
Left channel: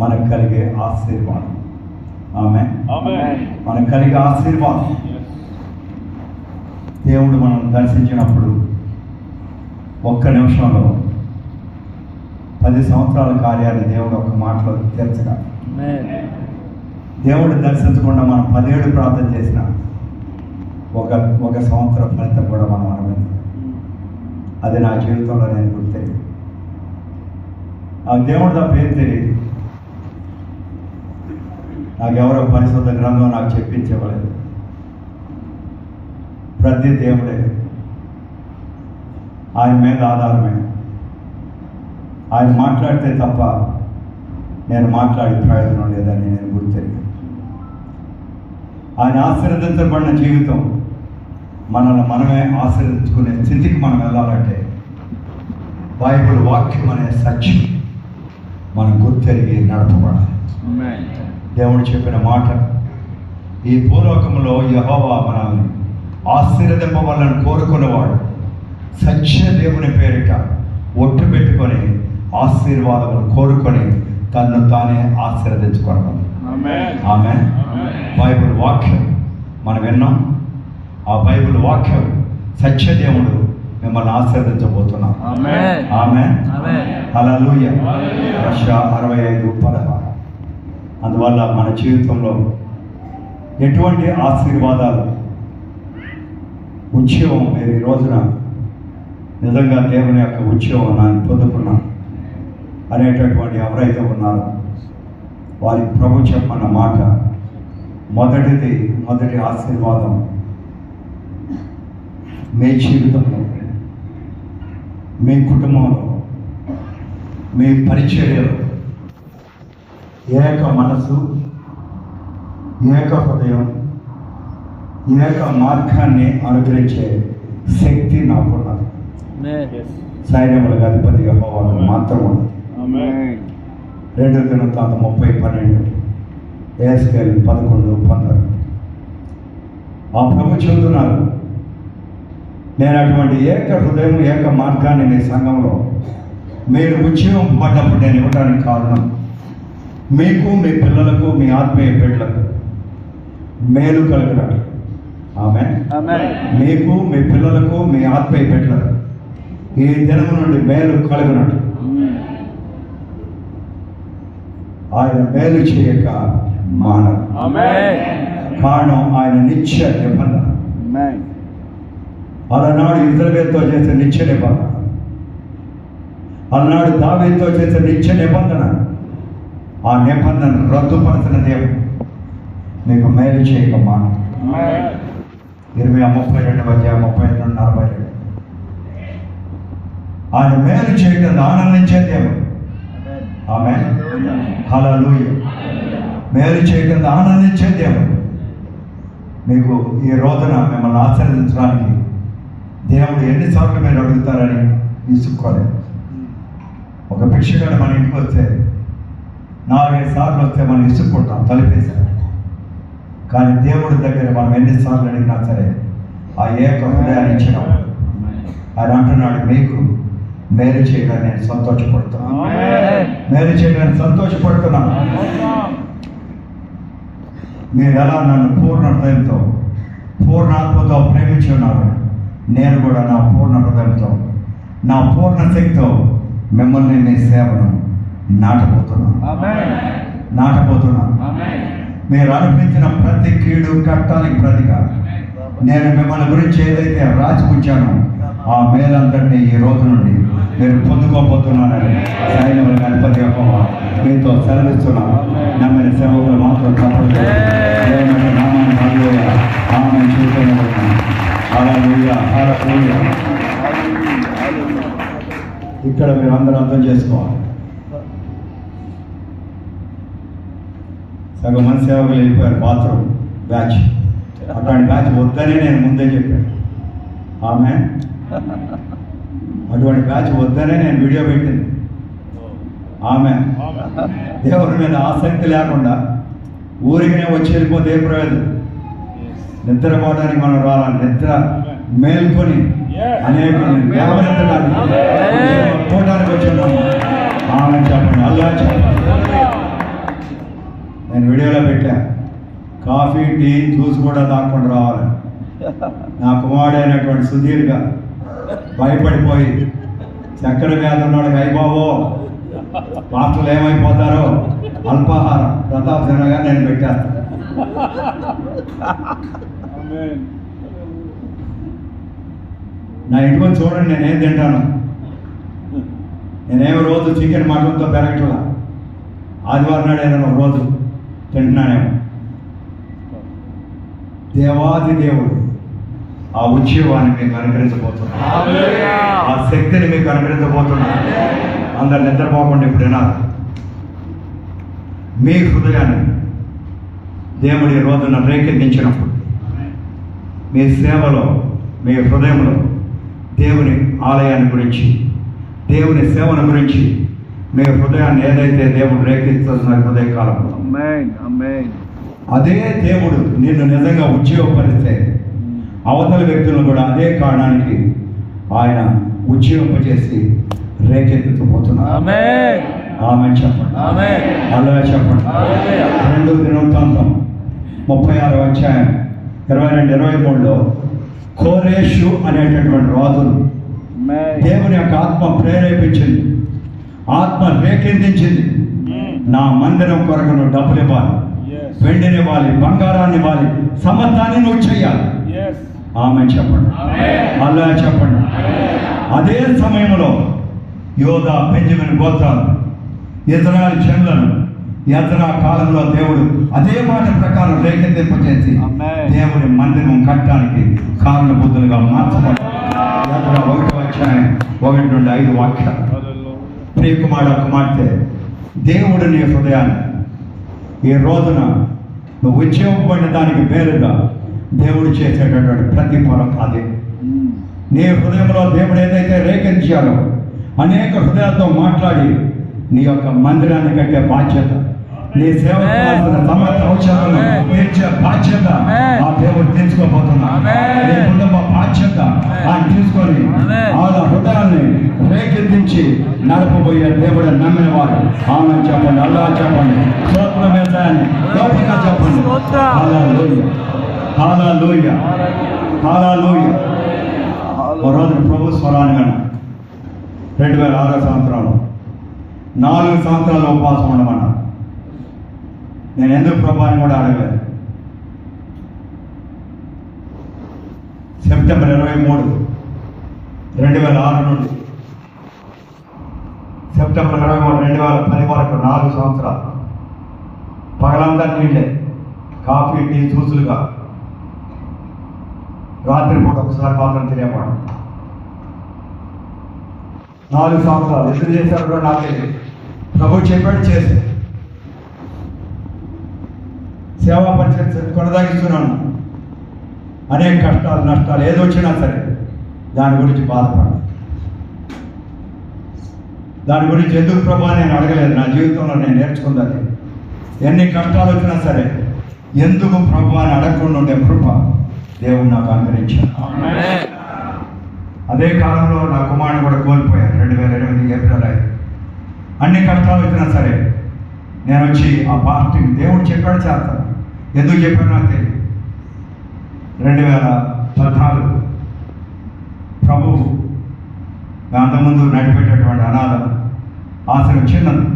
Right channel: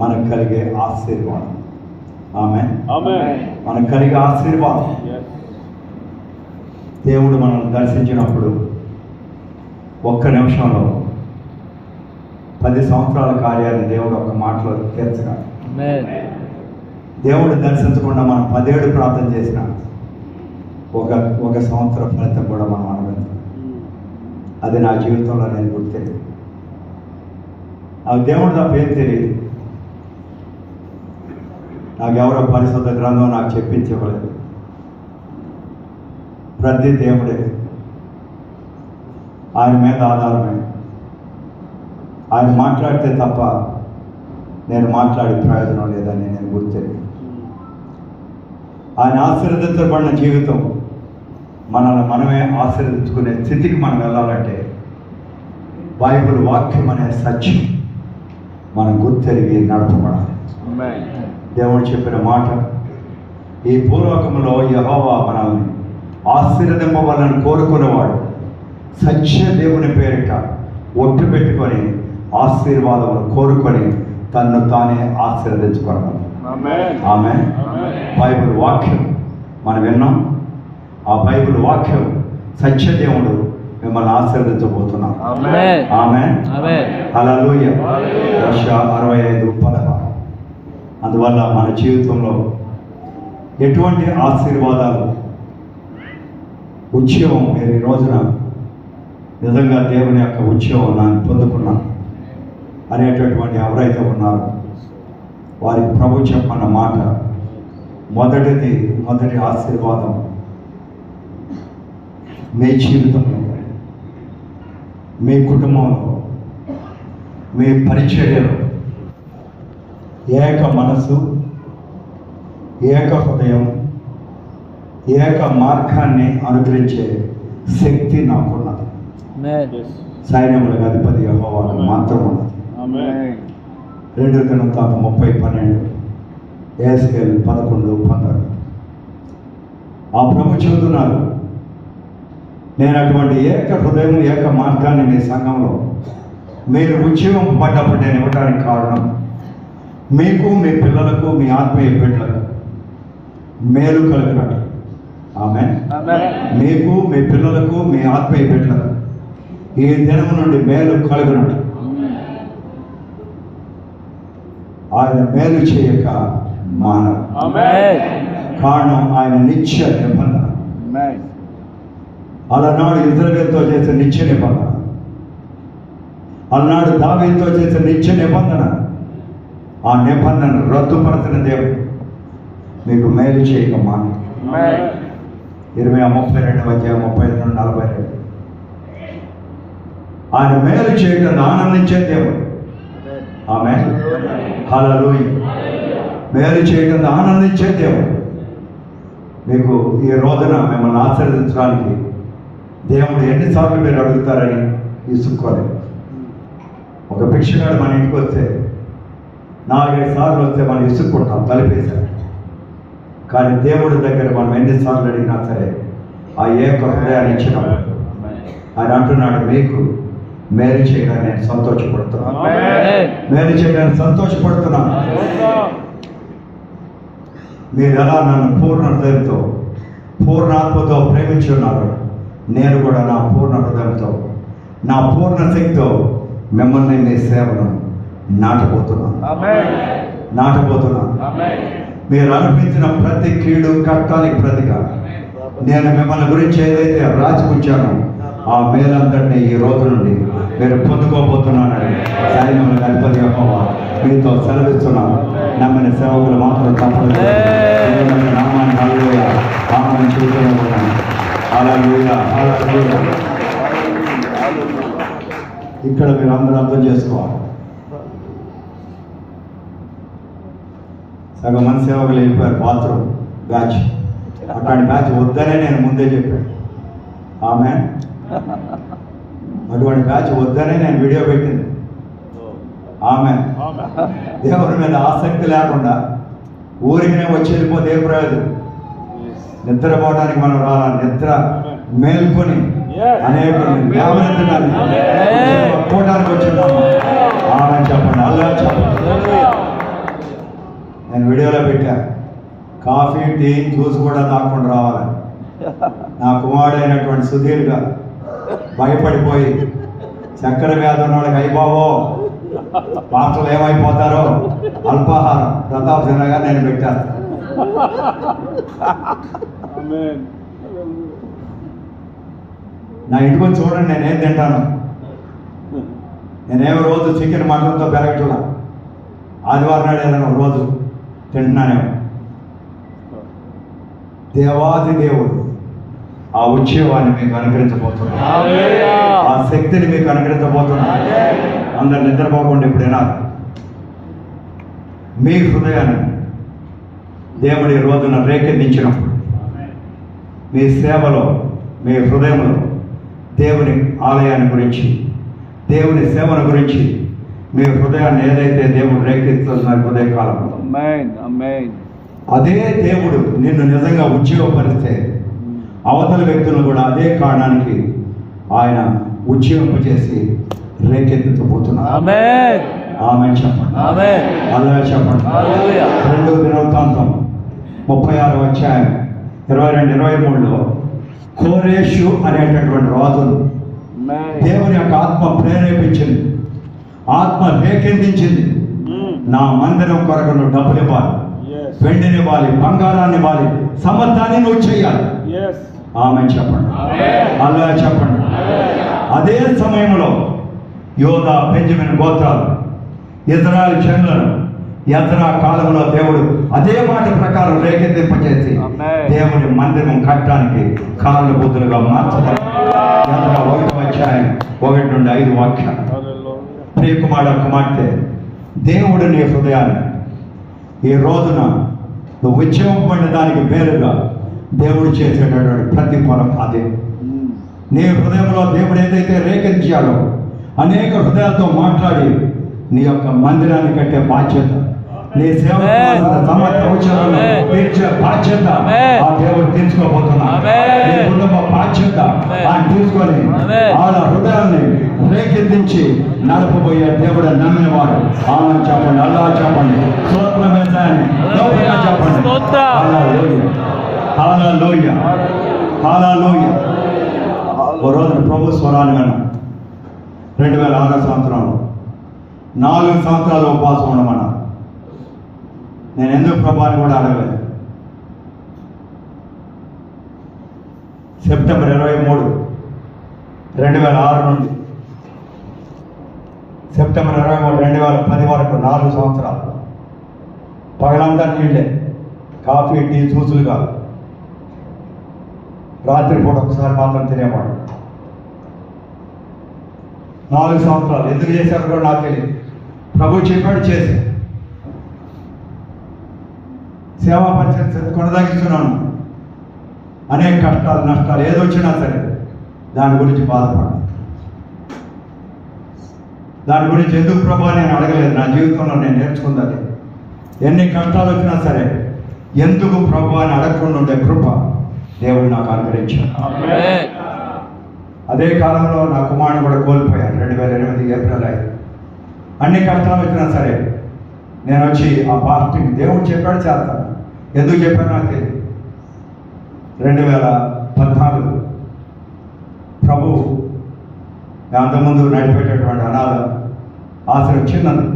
మనకు కలిగే ఆశీర్వాదం. ఆమె మనకు కలిగే ఆశీర్వాదం. దేవుడు మనం దర్శించినప్పుడు ఒక్క నిమిషంలో 10 సంవత్సరాల కార్యాన్ని దేవుడు ఒక్క మాటలో తీర్చగలడు. దేవుడు దర్శించకుండా మనం 10 ఏళ్ళు ప్రార్థన చేసిన ఒక సంవత్సరం ఫలితం కూడా మనం అనుభవించాలి. అది నా జీవితంలో నేను గుర్తే. నాకు దేవుడు తప్ప ఏం తెలియదు. నాకు ఎవరో పరిశుద్ధ గ్రంథం నాకు చెప్పించలేదు. ప్రతి దేవుడే, ఆయన మీద ఆధారమే. ఆయన మాట్లాడితే తప్ప నేను మాట్లాడే ప్రయోజనం లేదని నేను గుర్తెరిగి, ఆయన ఆశీర్వదించబడిన జీవితం మనల్ని మనమే ఆశీర్వదించుకునే స్థితికి మనం వెళ్ళాలంటే బైబిల్ వాక్యం అనే సత్యం మనం గుర్తెరిగి నడపబడాలి. దేవుడు చెప్పిన మాట, ఈ భూలోకంలో యెహోవా మనల్ని ఆశీర్వదింపవాలని కోరుకునేవాడు సత్య దేవుని పేరిట ఒట్టు పెట్టుకొని ఆశీర్వాదములు కోరుకొని తన్ను తానే ఆశీర్వదించుకోవాలి. ఆమేన్. బైబిల్ వాక్యం మనం విన్నాం. ఆ బైబిల్ వాక్యం సత్యదేవుడు మిమ్మల్ని ఆశీర్వదించబోతున్నాం. ఆమేన్. హల్లెలూయ. 65:16. అందువల్ల మన జీవితంలో ఎటువంటి ఆశీర్వాదాలు, ఉద్యోగం, మీరు ఈ రోజున నిజంగా దేవుని యొక్క ఉద్యోగం నేను పొందుకున్నా అనేటటువంటి ఎవరైతే ఉన్నారో వారికి ప్రభు చెప్పన్న మాట, మొదటి ఆశీర్వాదం మీ జీవితంలో, మీ కుటుంబంలో, మీ పరిచర్యలో ఏక మనసు, ఏక హృదయం, ఏక మార్గాన్ని అనుగ్రహించే శక్తి నాకున్నది. సైన్యములకు అధిపతి యెహోవాకు మాత్రం ఉన్నది. 2 దినవృత్తాంతం 30:12, యేసకేలు 11:12. ఆ ప్రభు చెబుతున్నారు, నేను అటువంటి ఏక హృదయం, ఏక మార్గాన్ని మీ సంఘంలో మీరు ఉద్యోగం పడ్డప్పుడు నేను ఇవ్వడానికి కారణం మీకు, మీ పిల్లలకు, మీ ఆత్మీయ బిడ్డలకు మేలు కలిగినట్టు. ఆమేన్. మీకు, మీ పిల్లలకు, మీ ఆత్మీయ బిడ్డలకు ఈ దినం నుండి మేలు కలుగునట్టు ఆయన మేలు చేయక మానవు. కారణం ఆయన నిత్య నిబంధన. అలనాడు ఇజ్రాయేలుతో చేసిన నిత్య నిబంధన, అలనాడు దావీదుతో చేసిన నిత్య నిబంధన, ఆ నిబంధన రద్దుపరచిన దేవుడు మీకు మేలు చేయక మానవు. 32:32 ఆయన మేలు చేయడం ఆనందించే దేవుడు. ఆమేన్. హల్లెలూయ. మేలు చేయడం ఆనందించే దేవుడు. మీకు ఈ రోజున మిమ్మల్ని ఆశీర్వదించడానికి దేవుడు ఎన్నిసార్లు మీరు అడుగుతారని ఇసుక్కోలేదు. ఒక భిక్షగాడు మన ఇంటికి వస్తే 4-5 సార్లు వస్తే మనం ఇసుక్కుంటాం, తలిపేశారు. కానీ దేవుడి దగ్గర మనం ఎన్నిసార్లు అడిగినా సరే ఆ ఏక హృదయాన్ని ఇచ్చినప్పుడు ఆయన అంటున్నాడు, మీకు మేలు చేయడానికి నేను సంతోషపడుతున్నాను, మేలు చేయడానికి సంతోషపడుతున్నాను. మీరు ఎలా నన్ను పూర్ణ హృదయంతో, పూర్ణ ఆత్మతో ప్రేమించి ఉన్నారు, నేను కూడా నా పూర్ణ హృదయంతో, నా పూర్ణ శక్తితో మిమ్మల్ని మీ సేవను నాటబోతున్నాను. మీరు అనిపించిన ప్రతి కీడు కష్టానికి ప్రతిగా నేను మిమ్మల్ని గురించి ఏదైతే రాసి ఉంచానో ఆ మేలంతటిని ఈ రోజు నుండి మీరు పొందుకోబోతున్నానని సైన్యముల గణపతి యెహోవా మీతో సెలవిస్తున్నాను. నమ్మిన సేవకులు మాత్రం తప్పదు. దేవుని నామాన్ని హల్లెలూయా ఆమేన్ చూస్తున్నాను. హల్లెలూయా, హల్లెలూయా. ఇక్కడ మీరు అందరూ అర్థం చేసుకోవాలి. సగం మంది సేవకులు వెళ్ళిపోయారు బాత్రూమ్ బ్యాచ్. అక్కడి బ్యాచ్ వద్దనే నేను ముందే చెప్పాను. ఆమేన్. అటువంటి బ్యాచ్ వద్దనే నేను వీడియో పెట్టింది. ఆమె దేవుని మీద ఆసక్తి లేకుండా ఊరికనే వచ్చి వెళ్ళిపోతే ఏ ప్రయోజనం? నిద్రపోవడానికి మనం రాలా, నిద్ర మేల్కొని అనేకులు లేవనెత్తడానికి పోవడానికి వచ్చిన్నాము. ఆమె చెప్పండి, అల్లా చెప్పండి. నేను వీడియోలో పెట్టా, కాఫీ టీ జ్యూస్ కూడా తాకుండా రావాలి. నా కుమారుడైనటువంటి సుధీర్గా భయపడిపోయి చక్కెర వ్యాధి ఉన్న వాళ్ళకి అయిపోవో పాస్టర్లు ఏమైపోతారో అల్పాహారం ప్రతాప్ సిన్హగా నేను పెట్టేస్తాను. నా ఇంటికి వచ్చి చూడండి, నేనేం తింటాను. నేనేమో రోజు చికెన్ మటన్తో పెరగట్లా, ఆదివారం నాడు ఏదైనా ఒక రోజు తింటున్నానేమో. దేవాది దేవుడు ఆ ఉద్యమాన్ని మీకు అనుగ్రహించబోతున్నాడు, ఆ శక్తిని మీకు అనుగ్రహించబోతున్నాడు. అందరు నిద్రపోకుండా ఇప్పుడు వినాలి. మీ హృదయాన్ని దేవుడి రోజున రేకెత్తించినప్పుడు మీ సేవలో, మీ హృదయంలో దేవుని ఆలయాన్ని గురించి, దేవుని సేవల గురించి మీ హృదయాన్ని ఏదైతే దేవుడు రేకెత్తుతున్న హృదయ కాలంలో అదే దేవుడు నిన్ను నిజంగా ఉద్యోగపరిస్తే అవతల వ్యక్తులను కూడా అదే కారణానికి ఆయన ఉద్యోగింపజేసి రేకెత్తుకుపోతున్నారు. ఆమె చెప్పండి, అలా చెప్పండి. 2 దినవృత్తాంతం 36వ అధ్యాయం 22-23లో కోరేషు అనేటటువంటి రాజును దేవుని యొక్క ఆత్మ ప్రేరేపించింది, ఆత్మ రేకెత్తించింది. నా మందిరం కొరకు నువ్వు డబ్బులు ఇవ్వాలి, వెండిని ఇవ్వాలి, బంగారాన్ని ఇవ్వాలి, సమర్థాన్ని నువ్వు చేయాలి. ఆమె చెప్పండి, అల్లా చెప్పండి. అదే సమయంలో యోధా, బెంజమిన్ గోత్రాలు, ఇజ్రాయెల్ జనులను యెజ్రా కాలంలో దేవుడు అదే మాట ప్రకారం రేకెత్తింపజేసి దేవుని మందిరం కట్టడానికి కారణభూతులుగా మార్చబడి 1వ అధ్యాయం 1-5 వాక్యాలు. ప్రియకుమార కుమార్తె, దేవుడు నీ హృదయాన్ని ఈ రోజున నువ్వు ఉద్యమపడిన దానికి పేరుగా దేవుడు చేసేటటువంటి ప్రతిఫలం అదే. నీ హృదయంలో దేవుడు ఏదైతే రేకెత్తించాడో అనేక హృదయాలతో మాట్లాడి నీ యొక్క మందిరాన్ని కట్టే బాధ్యత, నీ సేవ సమస్యలను తీర్చే బాధ్యత ఆ దేవుడు తీర్చుకోబోతున్నాడు. నీ కుటుంబ బాధ్యత ఆయన తీసుకొని వాళ్ళ హృదయాన్ని రేకెత్తించి నడపబోయే దేవుడు నమ్మినవారు. ఆమె చెప్పండి, అల్లా చెప్పండి, స్తోత్రం వేసాన్ని గొప్పగా చెప్పండి. హల్లెలూయా, హల్లెలూయా, హల్లెలూయా. ఓ రోజు ప్రభు స్వరాన్ని విన్నాను. 2006 సంవత్సరంలో 4 సంవత్సరాలు ఉపవాసం ఉండమన్నారు. నేను ఎందుకు ప్రభాని కూడా అడగలేదు. సెప్టెంబర్ 23, 2006 నుండి సెప్టెంబర్ 23, 2010 వరకు 4 సంవత్సరాలు పగలంతా నీళ్ళే, కాఫీ టీ జ్యూసులు కాదు. రాత్రిపూట ఒకసారి మాత్రం తినేవాడు. 4 సంవత్సరాలు ఎందుకు చేశారు కూడా నాకు తెలియదు. ప్రభు చెప్పాడు చేసి సేవా పరిస్థితి కొనసాగిస్తున్నాను. అనేక కష్టాలు, నష్టాలు ఏదో వచ్చినా సరే దాని గురించి బాధపడ్డా. దాని గురించి ఎందుకు ప్రభు నేను అడగలేదు. నా జీవితంలో నేను నేర్చుకున్నది, ఎన్ని కష్టాలు వచ్చినా సరే ఎందుకు ప్రభు అని అడగకుండా ఉండే కృప దేవుడు నాకు అనుగ్రహించాడు. అదే కాలంలో నా కుమారుని కూడా కోల్పోయాను. 2008 ఏప్రిల్ 5. అన్ని కష్టాలు వచ్చినా సరే నేను వచ్చి ఆ పాస్టింగ్ దేవుడు చెప్పాడు చేస్తాను. ఎందుకు చెప్పాను నాకు తెలియదు. 2014 ప్రభు అంతకుముందు నడిపేటటువంటి అనాథ ఆశ్రయం చిన్నది.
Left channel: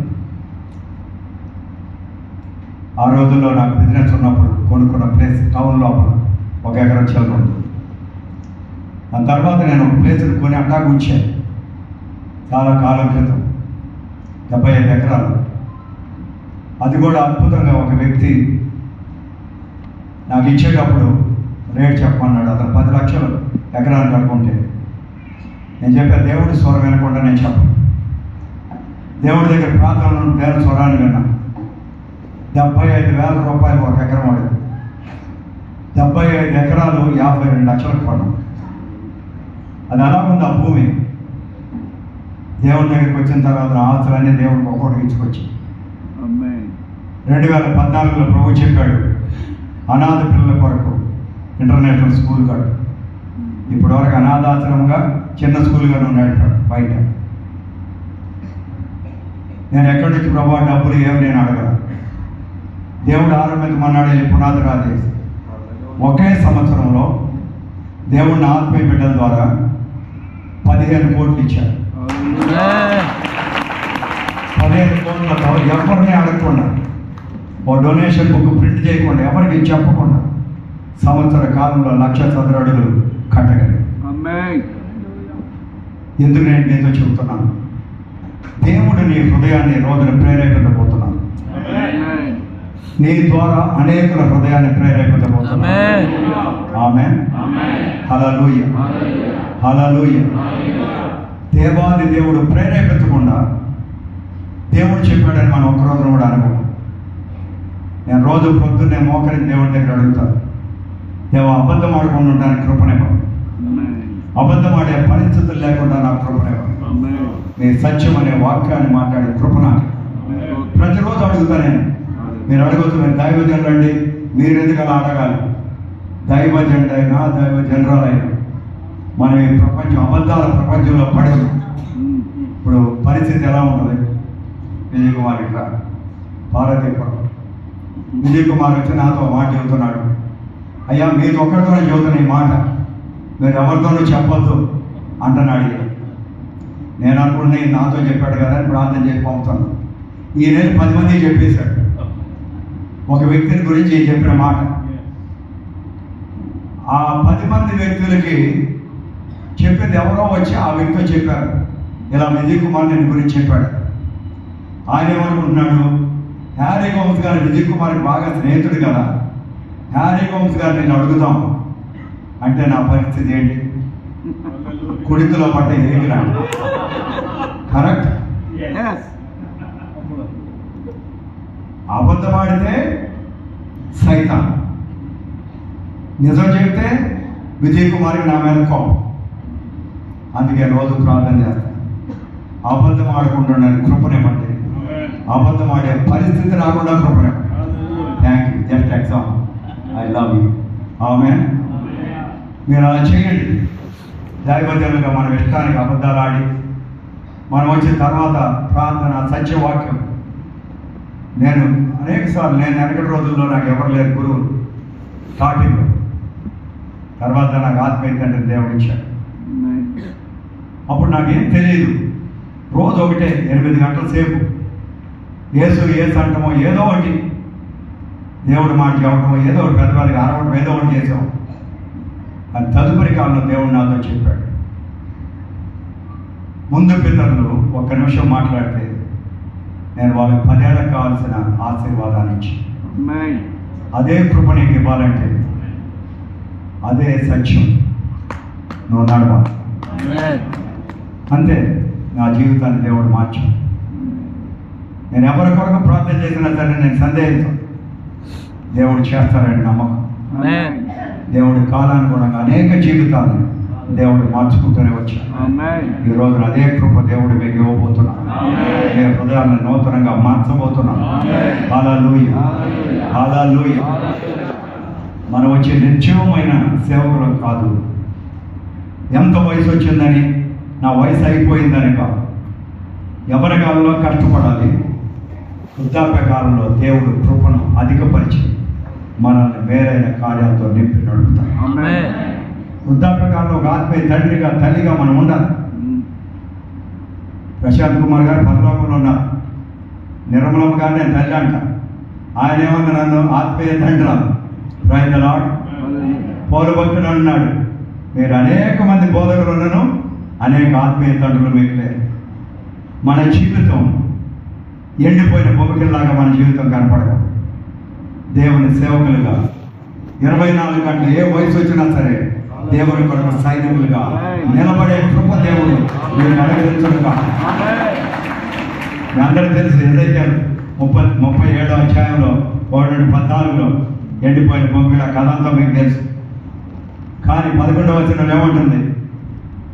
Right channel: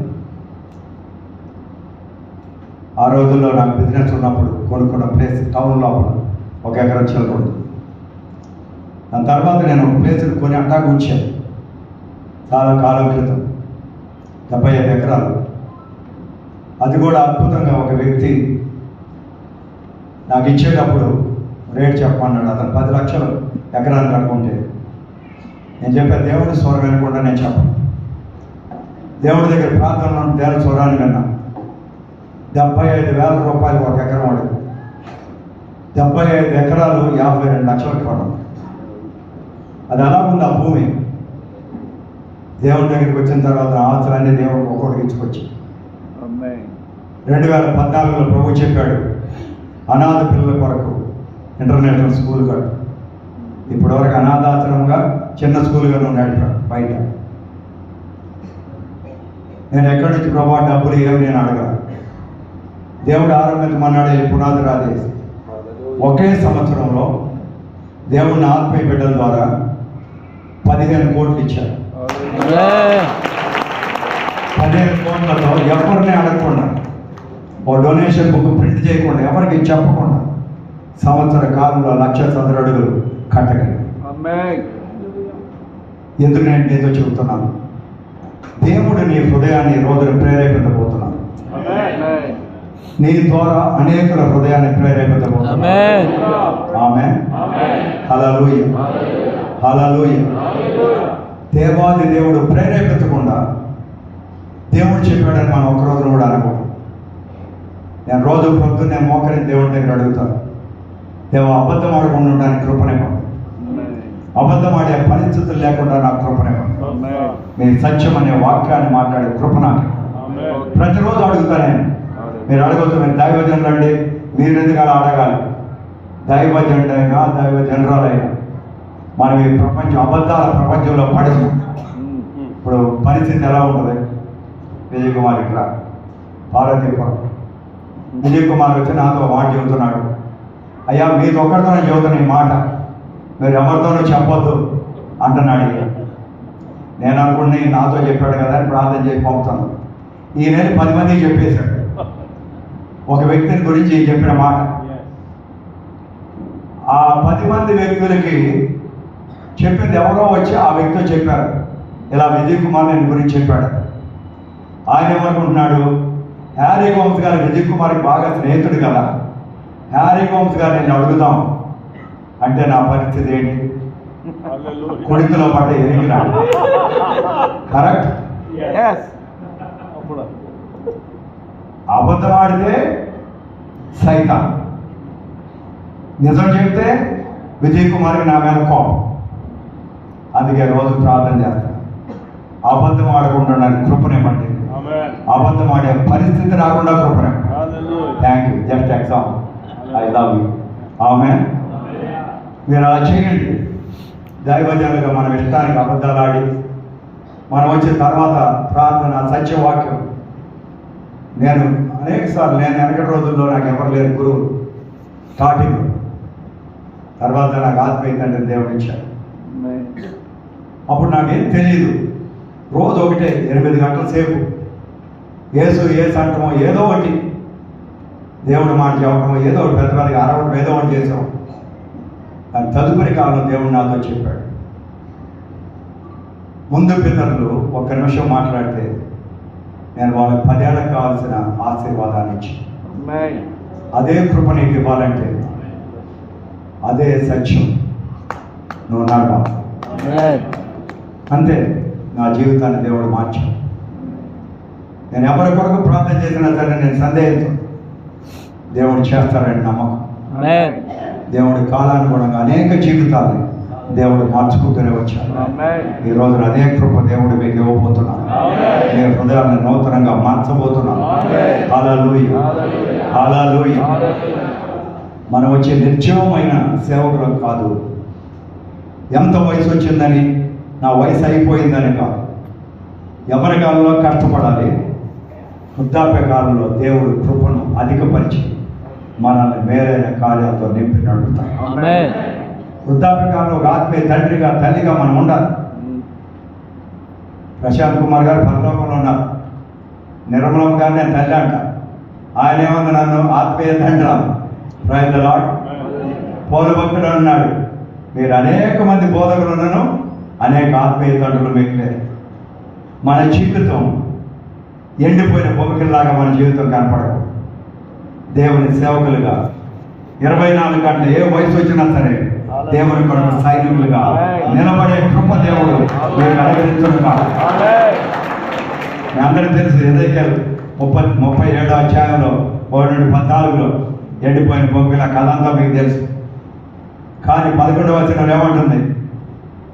ఆ రోజుల్లో నాకు బిజినెస్ ఉన్నప్పుడు కొనుక్కున్న ప్లేస్ టౌన్ లోపల 1 ఎకరం చెల్లకూడదు. దాని తర్వాత నేను ఒక ప్లేస్ని కొని అట్టాకు ఉంచాను. చాలా కాలం క్రితం 75 ఎకరాలు. అది కూడా అద్భుతంగా ఒక వ్యక్తి నాకు ఇచ్చేటప్పుడు రేట్ చెప్పమన్నాడు. అతను 10 లక్షలు ఎకరానికి అనుకుంటే నేను చెప్పాను, దేవుడి స్వరం వినకుండా నేను చెప్పను. దేవుడి దగ్గర ప్రార్థన దేవుడి స్వరాన్ని విన్నా. 75,000 రూపాయలు 1 ఎకరం వాడు. 75 ఎకరాలు 52 లక్షలకు కొనం. అది ఎలా ఉంది ఆ భూమి? దేవుడి దగ్గరికి వచ్చిన తర్వాత ఆస్తులన్నీ దేవుడికి ఒక్కొక్కటి ఇచ్చుకొచ్చి 2014లో ప్రభు చెప్పాడు, అనాథ పిల్లల కొరకు ఇంటర్నేషనల్ స్కూల్ కట్టు. ఇప్పటివరకు అనాథాశ్రమంగా చిన్న స్కూల్గా నువ్వు నడిపాడు బయట. నేను ఎక్కడి నుంచి ప్రభావ డబ్బులు ఏమి నేను అడగా. దేవుడు ఆరంభించమన్నాడు, వెళ్ళి పునాది రాజేసి ఒకే సంవత్సరంలో దేవుడిని ఆత్మీయ బిడ్డల ద్వారా 15 కోట్లు ఇచ్చాడు. 15 కోట్లతో ఎవరిని అడగకుండా, ఓ డొనేషన్ బుక్ ప్రింట్ చేయకుండా, ఎవరికి చెప్పకుండా సంవత్సర కాలంలో 1,00,000 చదరపు అడుగులు కట్టగలిగాను. ఎందుకు నేను మీతో చెబుతున్నాను? దేవుడు నీ హృదయాన్ని రోజున ప్రేరేపించబోతున్నాను. నీ ద్వారా అనేకుల హృదయాన్ని ప్రేరేపించబోతున్నాను. ఆమేన్. హల్లెలూయా, హల్లెలూయా. దేవాది దేవుడు ప్రేరేపించకుండా దేవుడు చెప్పాడని మనం ఒక్కరోజు కూడా అనుకోండి. నేను రోజు పొద్దున్నే మోకరిని దేవుడి దగ్గర అడుగుతాను, దేవ అబద్ధం ఆడకుండా ఉండడానికి కృపనివ్వండి, అబద్ధం ఆడే పరిస్థితులు లేకుండా నాకు కృపనివ్వండి, మీ సత్యం అనే వాక్యాన్ని మాట్లాడే కృప నాకు ప్రతిరోజు అడుగుతానే. మీరు అడగవచ్చు, మీరు దైవజనులు అండి, మీరు ఎందుకు అలా అడగాలి? దైవజనుడు అయినా దైవ జనరాలైనా మనం ఈ ప్రపంచం అబద్ధాల ప్రపంచంలో పడదు. ఇప్పుడు పరిస్థితి ఎలా ఉంటుంది? విజయ్ కుమార్ ఇక్కడ పార్వతీపురం విజయ్ కుమార్ వచ్చి నాతో మాట చెబుతున్నాడు, అయ్యా మీకు ఒక్కరితోనే చెబుతున్న ఈ మాట, మీరు ఎవరితోనూ చెప్పొద్దు అంటున్నాడు. నేను అనుకుని నాతో చెప్పాడు కదా అని ప్రార్థన చేసి పంపుతాను. ఈ నెల 10 మందికి చెప్పేశాడు ఒక వ్యక్తిని గురించి చెప్పిన మాట. ఆ 10 మంది వ్యక్తులకి చెప్పింది ఎవరో వచ్చి ఆ వ్యక్తితో చెప్పారు, ఇలా విజయ్ కుమార్ నేను గురించి చెప్పాడు. ఆయన ఏమనుకుంటున్నాడు, హ్యారీ గోమ్స్ గారు విజయ్ కుమార్కి బాగా స్నేహితుడు కదా, హ్యారీ గోమ్స్ గారు నేను అడుగుదాం అంటే నా పరిస్థితి ఏంటి? కొడుకులో పడ్డ ఎరిగినాడు. కరెక్ట్. అబద్ధం ఆడితే సైతాన్, నిజం చెప్తే విజయ్ కుమార్కి నా మీద కోపం. అందుకే రోజు ప్రార్థన చేస్తాను, అబద్ధం ఆడకుండా నాకు కృపనివ్వండి, అబద్ధం ఆడే పరిస్థితి రాకుండా కృపనివ్వండి. Thank you. Just exam, I love you. ఆమేన్. మీరు అలా చేయండి. దైవజనులుగా మనం ఇష్టానికి అబద్ధాలు ఆడి మనం వచ్చిన తర్వాత ప్రార్థన సత్యవాక్యం. నేను అనేకసార్లు, నేను వెనకటి రోజుల్లో నాకు ఎవరు లేరు గురువు స్టార్టింగ్, తర్వాత నాకు ఆత్మీయత అంటే దేవుడు ఇచ్చాడు. అప్పుడు నాకేం తెలియదు. రోజు ఒకటే 8 గంటల సేపు ఏసు అంటమో ఏదో ఒకటి దేవుడు మాట చెప్పడమో ఏదో ఒకటి పెద్ద పెద్దగా అరవడం ఏదో ఒకటి చేసాం. కానీ తదుపరి కాలంలో దేవుడు నాతో చెప్పాడు, ముందు పితరులు 1 నిమిషం మాట్లాడితే నేను వాళ్ళకి 10 ఏళ్ళకి కావాల్సిన ఆశీర్వాదాన్ని ఇచ్చి అదే కృప నీకు ఇవ్వాలంటే అదే సత్యం నువ్వు నడవాలి. అంతే నా జీవితాన్ని దేవుడు మార్చు. నేను ఎవరి కొరకు ప్రార్థన చేసినా సరే నేను సందేహించు, దేవుడు చేస్తారని నమ్మకం. దేవుడి కాలానుగుణంగా అనేక జీవితాలు దేవుడు మార్చుకుంటూనే వచ్చాడు. ఈ రోజున అదే కృప దేవుడు మీకు ఇవ్వబోతున్నాం. మీ హృదయాన్ని నూతనంగా మార్చబోతున్నాం. హల్లెలూయా, హల్లెలూయా. మనం వచ్చే నిర్జీవమైన సేవకులకు కాదు, ఎంత వయసు వచ్చిందని, నా వయసు అయిపోయిందని కాదు. ఎవరి కాలంలో కష్టపడాలి, వృద్ధాప్య కాలంలో దేవుడు కృపను అధికపరిచి మనల్ని మేలైన కార్యాలతో నింపి నడుపుతాం. వృద్ధాప్య కాలంలో ఒక ఆత్మీయ తండ్రిగా తల్లిగా మనం ఉండాలి. ప్రశాంత్ కుమార్ గారు పరలోకంలో ఉన్నారు, నిర్మలమ్మ గారు నేను తల్లి అంట. ఆయన ఏమన్నా నన్ను ఆత్మీయ తండ్రి ప్రైజ్ ది లార్డ్. పౌలు భక్తుడు అన్నాడు, మీరు అనేక మంది బోధకులున్నాను, అనేక ఆత్మీయ తండ్రులు మీకు లేరు. మన జీవితం ఎండిపోయిన భూమికల్లాగా మన జీవితం కనపడదు. దేవుని సేవకులుగా 24 గంటలు ఏ వయసు వచ్చినా సరే దేవుని కొరకు సైనికులుగా నిలబడే కృప దేవుడు మేము అనుగ్రహించడుగా. మీ అందరికీ తెలుసు, ఏదైతే 37వ అధ్యాయంలో 1-14లో ఎండిపోయిన భూమికల కథ అంతా మీకు తెలుసు. కానీ 11వ వచనంలో ఏమంటుంది?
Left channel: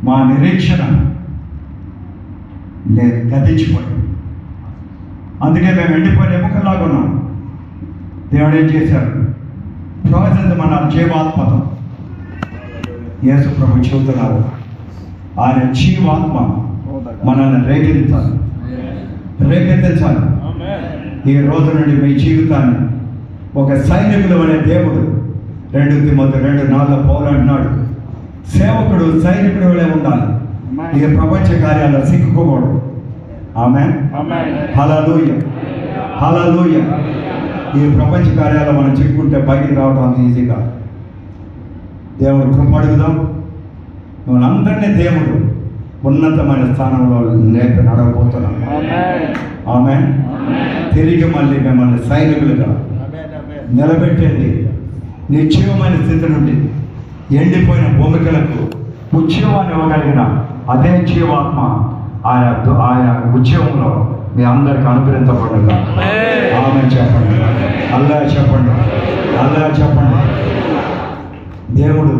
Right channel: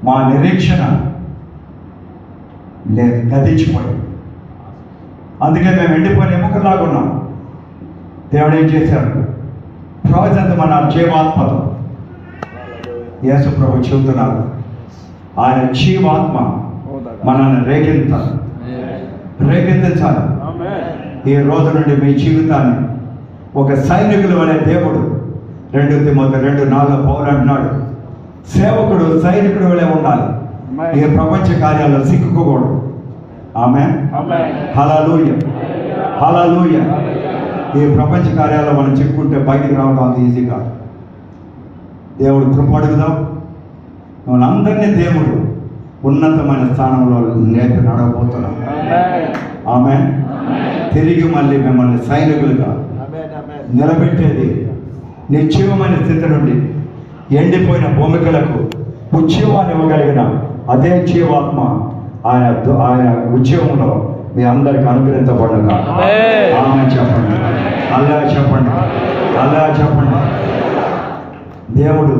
మా నిరీక్షణ లేదు, గతించిపోయాం. అందుకే మేము ఎండిపోయిన ఎముకలాగా ఉన్నాం. దేవుడు ఏం చేశాడు? ప్రవచించమన్నారు జీవాత్మతో. యేసు ప్రభు చెబుతున్నారు, ఆయన జీవాత్మ మనల్ని రేకెత్తించాలి. ఈ రోజు నుండి మీ జీవితాన్ని ఒక సైనికుడు అనే దేవుడు 2 తిమోతి 2:4 పౌలు అంటున్నాడు, సేవకుడు సైనికుడు వలె ఉండాలి, ఈ ప్రపంచ కార్యాల్లో సిక్కుకోకూడదు. ఆమేన్, హల్లెలూయా, హల్లెలూయా. ఈ ప్రపంచ కార్యాల్లో మనం చిక్కుంటే బయటికి రావడం అంత ఈజీగా. దేవుడు కృప అడుగుదాం. మనందరినీ దేవుడు ఉన్నతమైన స్థానంలో లేపి నడవబోతున్నాం. ఆమేన్. తిరిగి మళ్ళీ మిమ్మల్ని సైనికులుగా నిలబెట్టేది నిర్జీవమైన స్థితి నుండి ఎండిపోయిన భూమికలకు ఉద్యోగాన్ని ఇవ్వగలిగిన అదే జీవాత్మ ఆయన ఉద్యోగంలో మీ అందరికి అనుగ్రహించబడుగా. ఆమె చెప్పండి, అల్లా చెప్పండి, అల్లా చెప్పండి. దేవుడు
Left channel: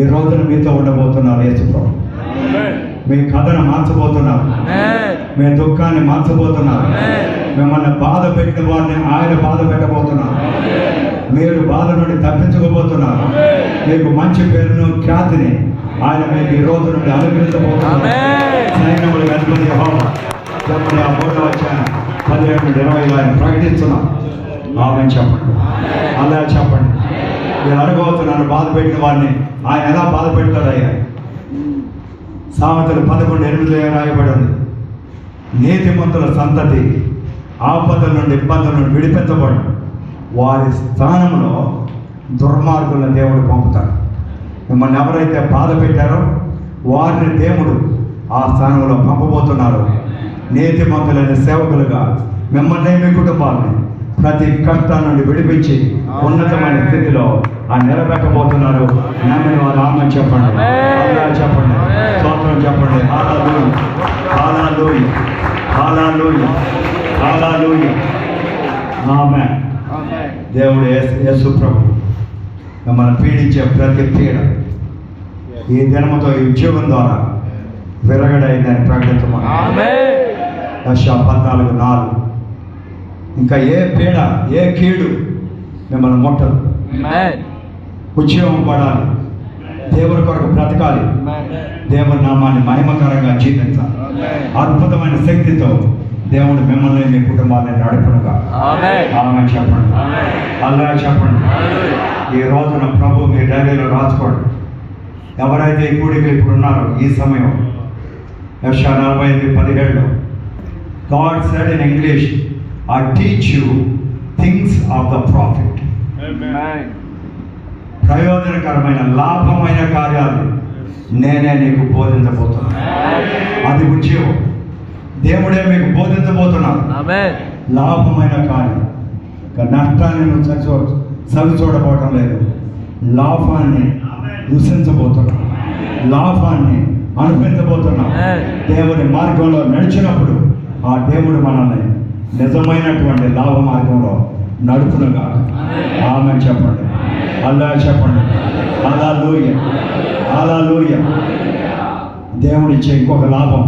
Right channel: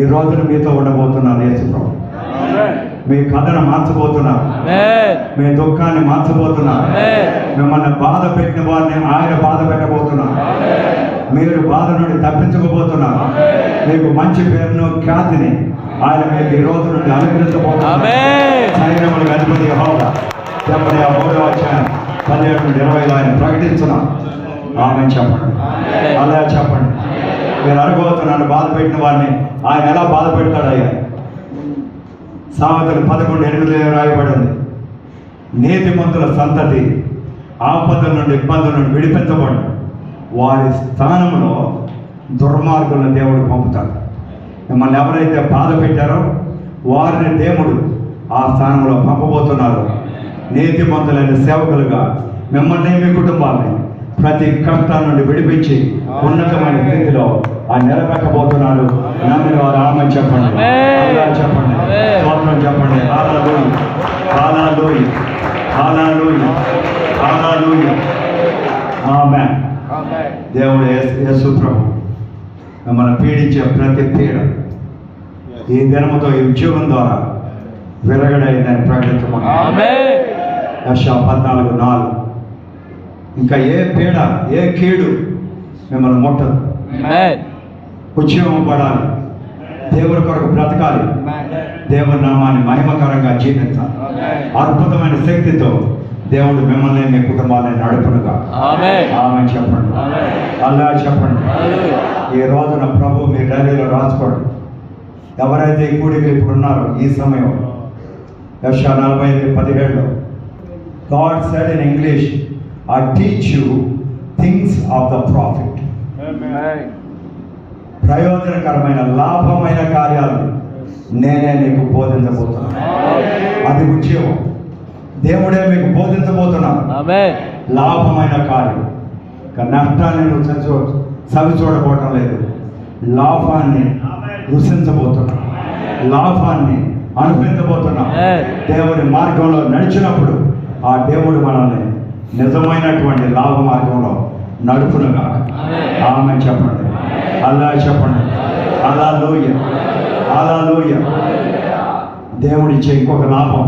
ఈ రోజున మీతో ఉండబోతున్నారు. యేసు ప్రభు మీ కథను మార్చబోతున్నారు, మీ దుఃఖాన్ని మార్చబోతున్నారు. మిమ్మల్ని బాధ పెట్టిన వారిని ఆయన బాధ పెట్టబోతున్నారు. మీరు బాధ నుండి తప్పించుకోబోతున్నారు. మీకు మంచి పేరును ఖ్యాతిని ఆయన మీకు ఈ రోజు నుండి అనుగ్రహించబోతున్నారు. సైన్యముల అధిపతి యెహోవా చెప్పండి. 3వ అధ్యాయం 17-20 ఆయన ప్రకటిస్తున్నాం. ఆమె చెప్పండి, అలా చెప్పండి. మీరు అనుకోవచ్చు, నన్ను బాధ పెట్టిన వాడిని ఆయన ఎలా బాధ పెడతాడయ్యా? సామెతలు 11:8 రాయబడి ఉంది, నీతిమంతుల సంతతి ఆపద నుండి ఇబ్బందుల నుండి విడిపించబడి వారి స్థానంలో దుర్మార్గులను దేవుడు పంపుతాడు. మిమ్మల్ని ఎవరైతే బాధ పెట్టారో వారిని దేవుడు ఆ స్థానంలో పంపబోతున్నారు. నీతిమంతులైన సేవకులుగా మిమ్మల్ని మీ కుటుంబాన్ని ప్రతి కష్టాల నుండి విడిపించి ఉన్నతమైన స్థితిలో ఆయన నిలబెట్టబోతున్నారు. నమ్మిన వారు ఆమె చెప్పండి, అల్లా చెప్పండి, స్తోత్రం చెప్పండి. హల్లెలూయా, హల్లెలూయా, హల్లెలూయా, హల్లెలూయా. ఆమేన్. దేవుడు యేసు ప్రభు మిమ్మల్ని పీడించే ప్రతి పీడ ఈ దినముతో ఈ ఉద్యోగం ద్వారా విరగడైందని ప్రకటించమని. యెషయా 14:4. ఇంకా ఏ పీడ, ఏ కీడు మిమ్మల్ని ముట్టదు. ఉద్యోగం పడాలి, దేవుడి కొరకు బ్రతకాలి, దేవుడి నామాన్ని మహిమకరంగా జీవించాలి. అద్భుతమైన శక్తితో దేవుడు మిమ్మల్ని మీ కుటుంబాన్ని నడుపునుగా. ఆమె చెప్పండి, అల్లా చెప్పండి. ఈ రోజున ప్రభు మీ డైరీలో రాసుకోండి. ఎవరైతే ఈ కూడికి ఇప్పుడు ఉన్నారో ఈ సమయం, యెషయా 45:17 God said in English, I teach you things of the prophet. ప్రయోజనకరమైన లాభమైన కార్యాలు నేనే నీకు బోధించబోతున్నాను. అది ఉద్యోగం, దేవుడే మీకు బోధించబోతున్నాను. లాభమైన కార్యం. నష్టాన్ని నువ్వు సవి చూడబోవటం లేదు, లాభాన్ని రుచించబోతున్నావు, లాభాన్ని అనుభవించబోతున్నావు. దేవుడి మార్గంలో నడిచినప్పుడు ఆ దేవుడు మనల్ని నిజమైనటువంటి లాభ మార్గంలో నడుపునుగా. ఆమె చెప్పండి, అల్లా చెప్పండి. హల్లెలూయా, హల్లెలూయా. దేవుడిచ్చే ఇంకొక లాభం,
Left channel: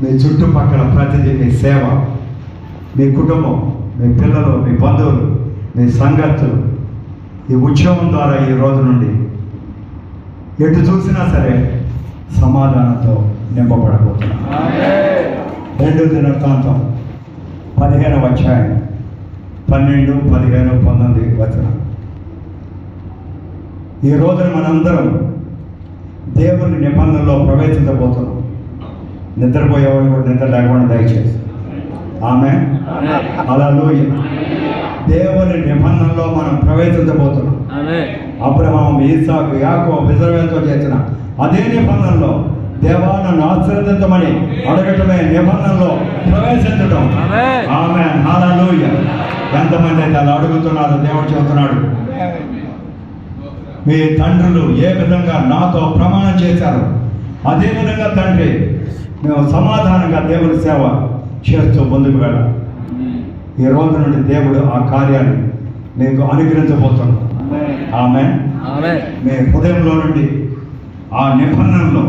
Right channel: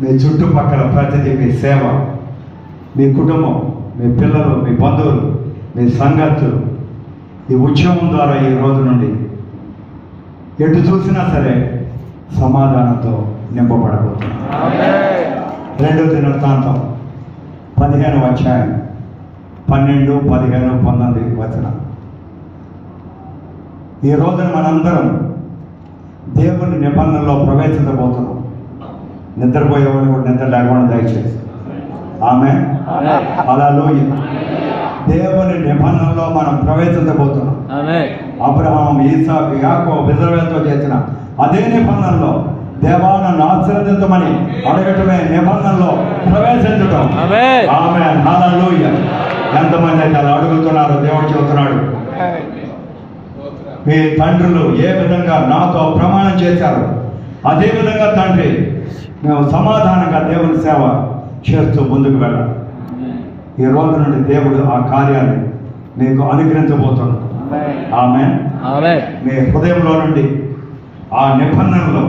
మీ చుట్టుపక్కల ప్రతిదీ, మీ సేవ, మీ కుటుంబం, మీ పిల్లలు, మీ బంధువులు, మీ సంగతులు ఈ ఉద్యోగం ద్వారా ఈ రోజు నుండి ఎటు చూసినా సరే సమాధానంతో నింపబడబోతున్నారు. 2 దినవృత్తాంతం 15వ అధ్యాయం 12, 15, 19 వచనం. ఈ రోజున మనందరం దేవుని నిబంధనలో ప్రవేశించబోతున్నాం. నిద్రపోయేవాడు కూడా నిద్ర లేకుండా దయచేసి. ఆమె హల్లెలూయా. దేవుని నిబంధనలో మనం ప్రవేశించబోతున్నాం. అబ్రహాం, ఇస్సాకు, యాకోబు, ఇశ్రాయేలుతో చేసిన అదే నిబంధనలో దేవా నన్ను ఆశీర్వదించమని అడగటమే నిబంధనలో ప్రవేశించడం. ఆమేన్, హల్లెలూయా. ఎంతమంది అయితే అలా అడుగుతున్నారో దేవుడు చెబుతున్నాడు, మీ తండ్రులు ఏ విధంగా నాతో ప్రమాణం చేశారు అదే విధంగా తండ్రి మేము సమాధానంగా దేవుని సేవ చేస్తూ ముందుకు వెళ్ళాలి. ఈ రోజు నుండి దేవుడు ఆ కార్యాన్ని మీకు అనుగ్రహించబోతున్నాడు. ఆమేన్. మీ హృదయంలో నుండి ఆ నిబంధనలో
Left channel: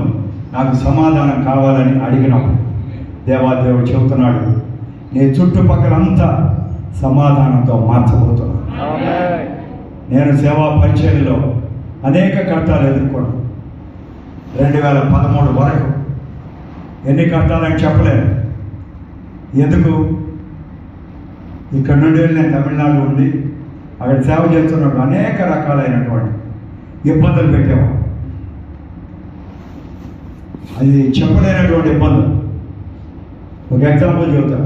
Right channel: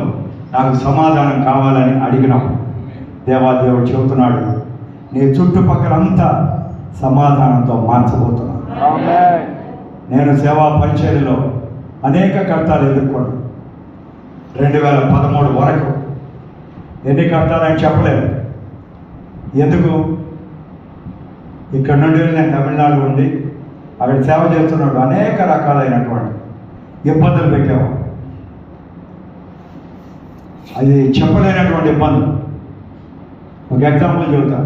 నాకు సమాధానం కావాలని అడిగినప్పుడు దేవాదేవుడు చెబుతున్నాడు, నీ చుట్టుపక్కలంతా సమాధానంతో మార్చబోతున్నాను. నేను సేవా పరిచర్యలో అనేక కష్టాలు ఎదుర్కొన్నాను. 2013 వరకు ఎన్ని కష్టాలని చెప్పలేను. ఎందుకు? ఇక్కడ నుండి నేను తమిళనాడు ఉండి అక్కడ సేవ చేస్తున్నప్పుడు అనేక రకాలైనటువంటి ఇబ్బందులు పెట్టేవాడు. అది చెప్పలేనటువంటి ఇబ్బందులు. ఒక ఎగ్జాంపుల్ చెబుతా.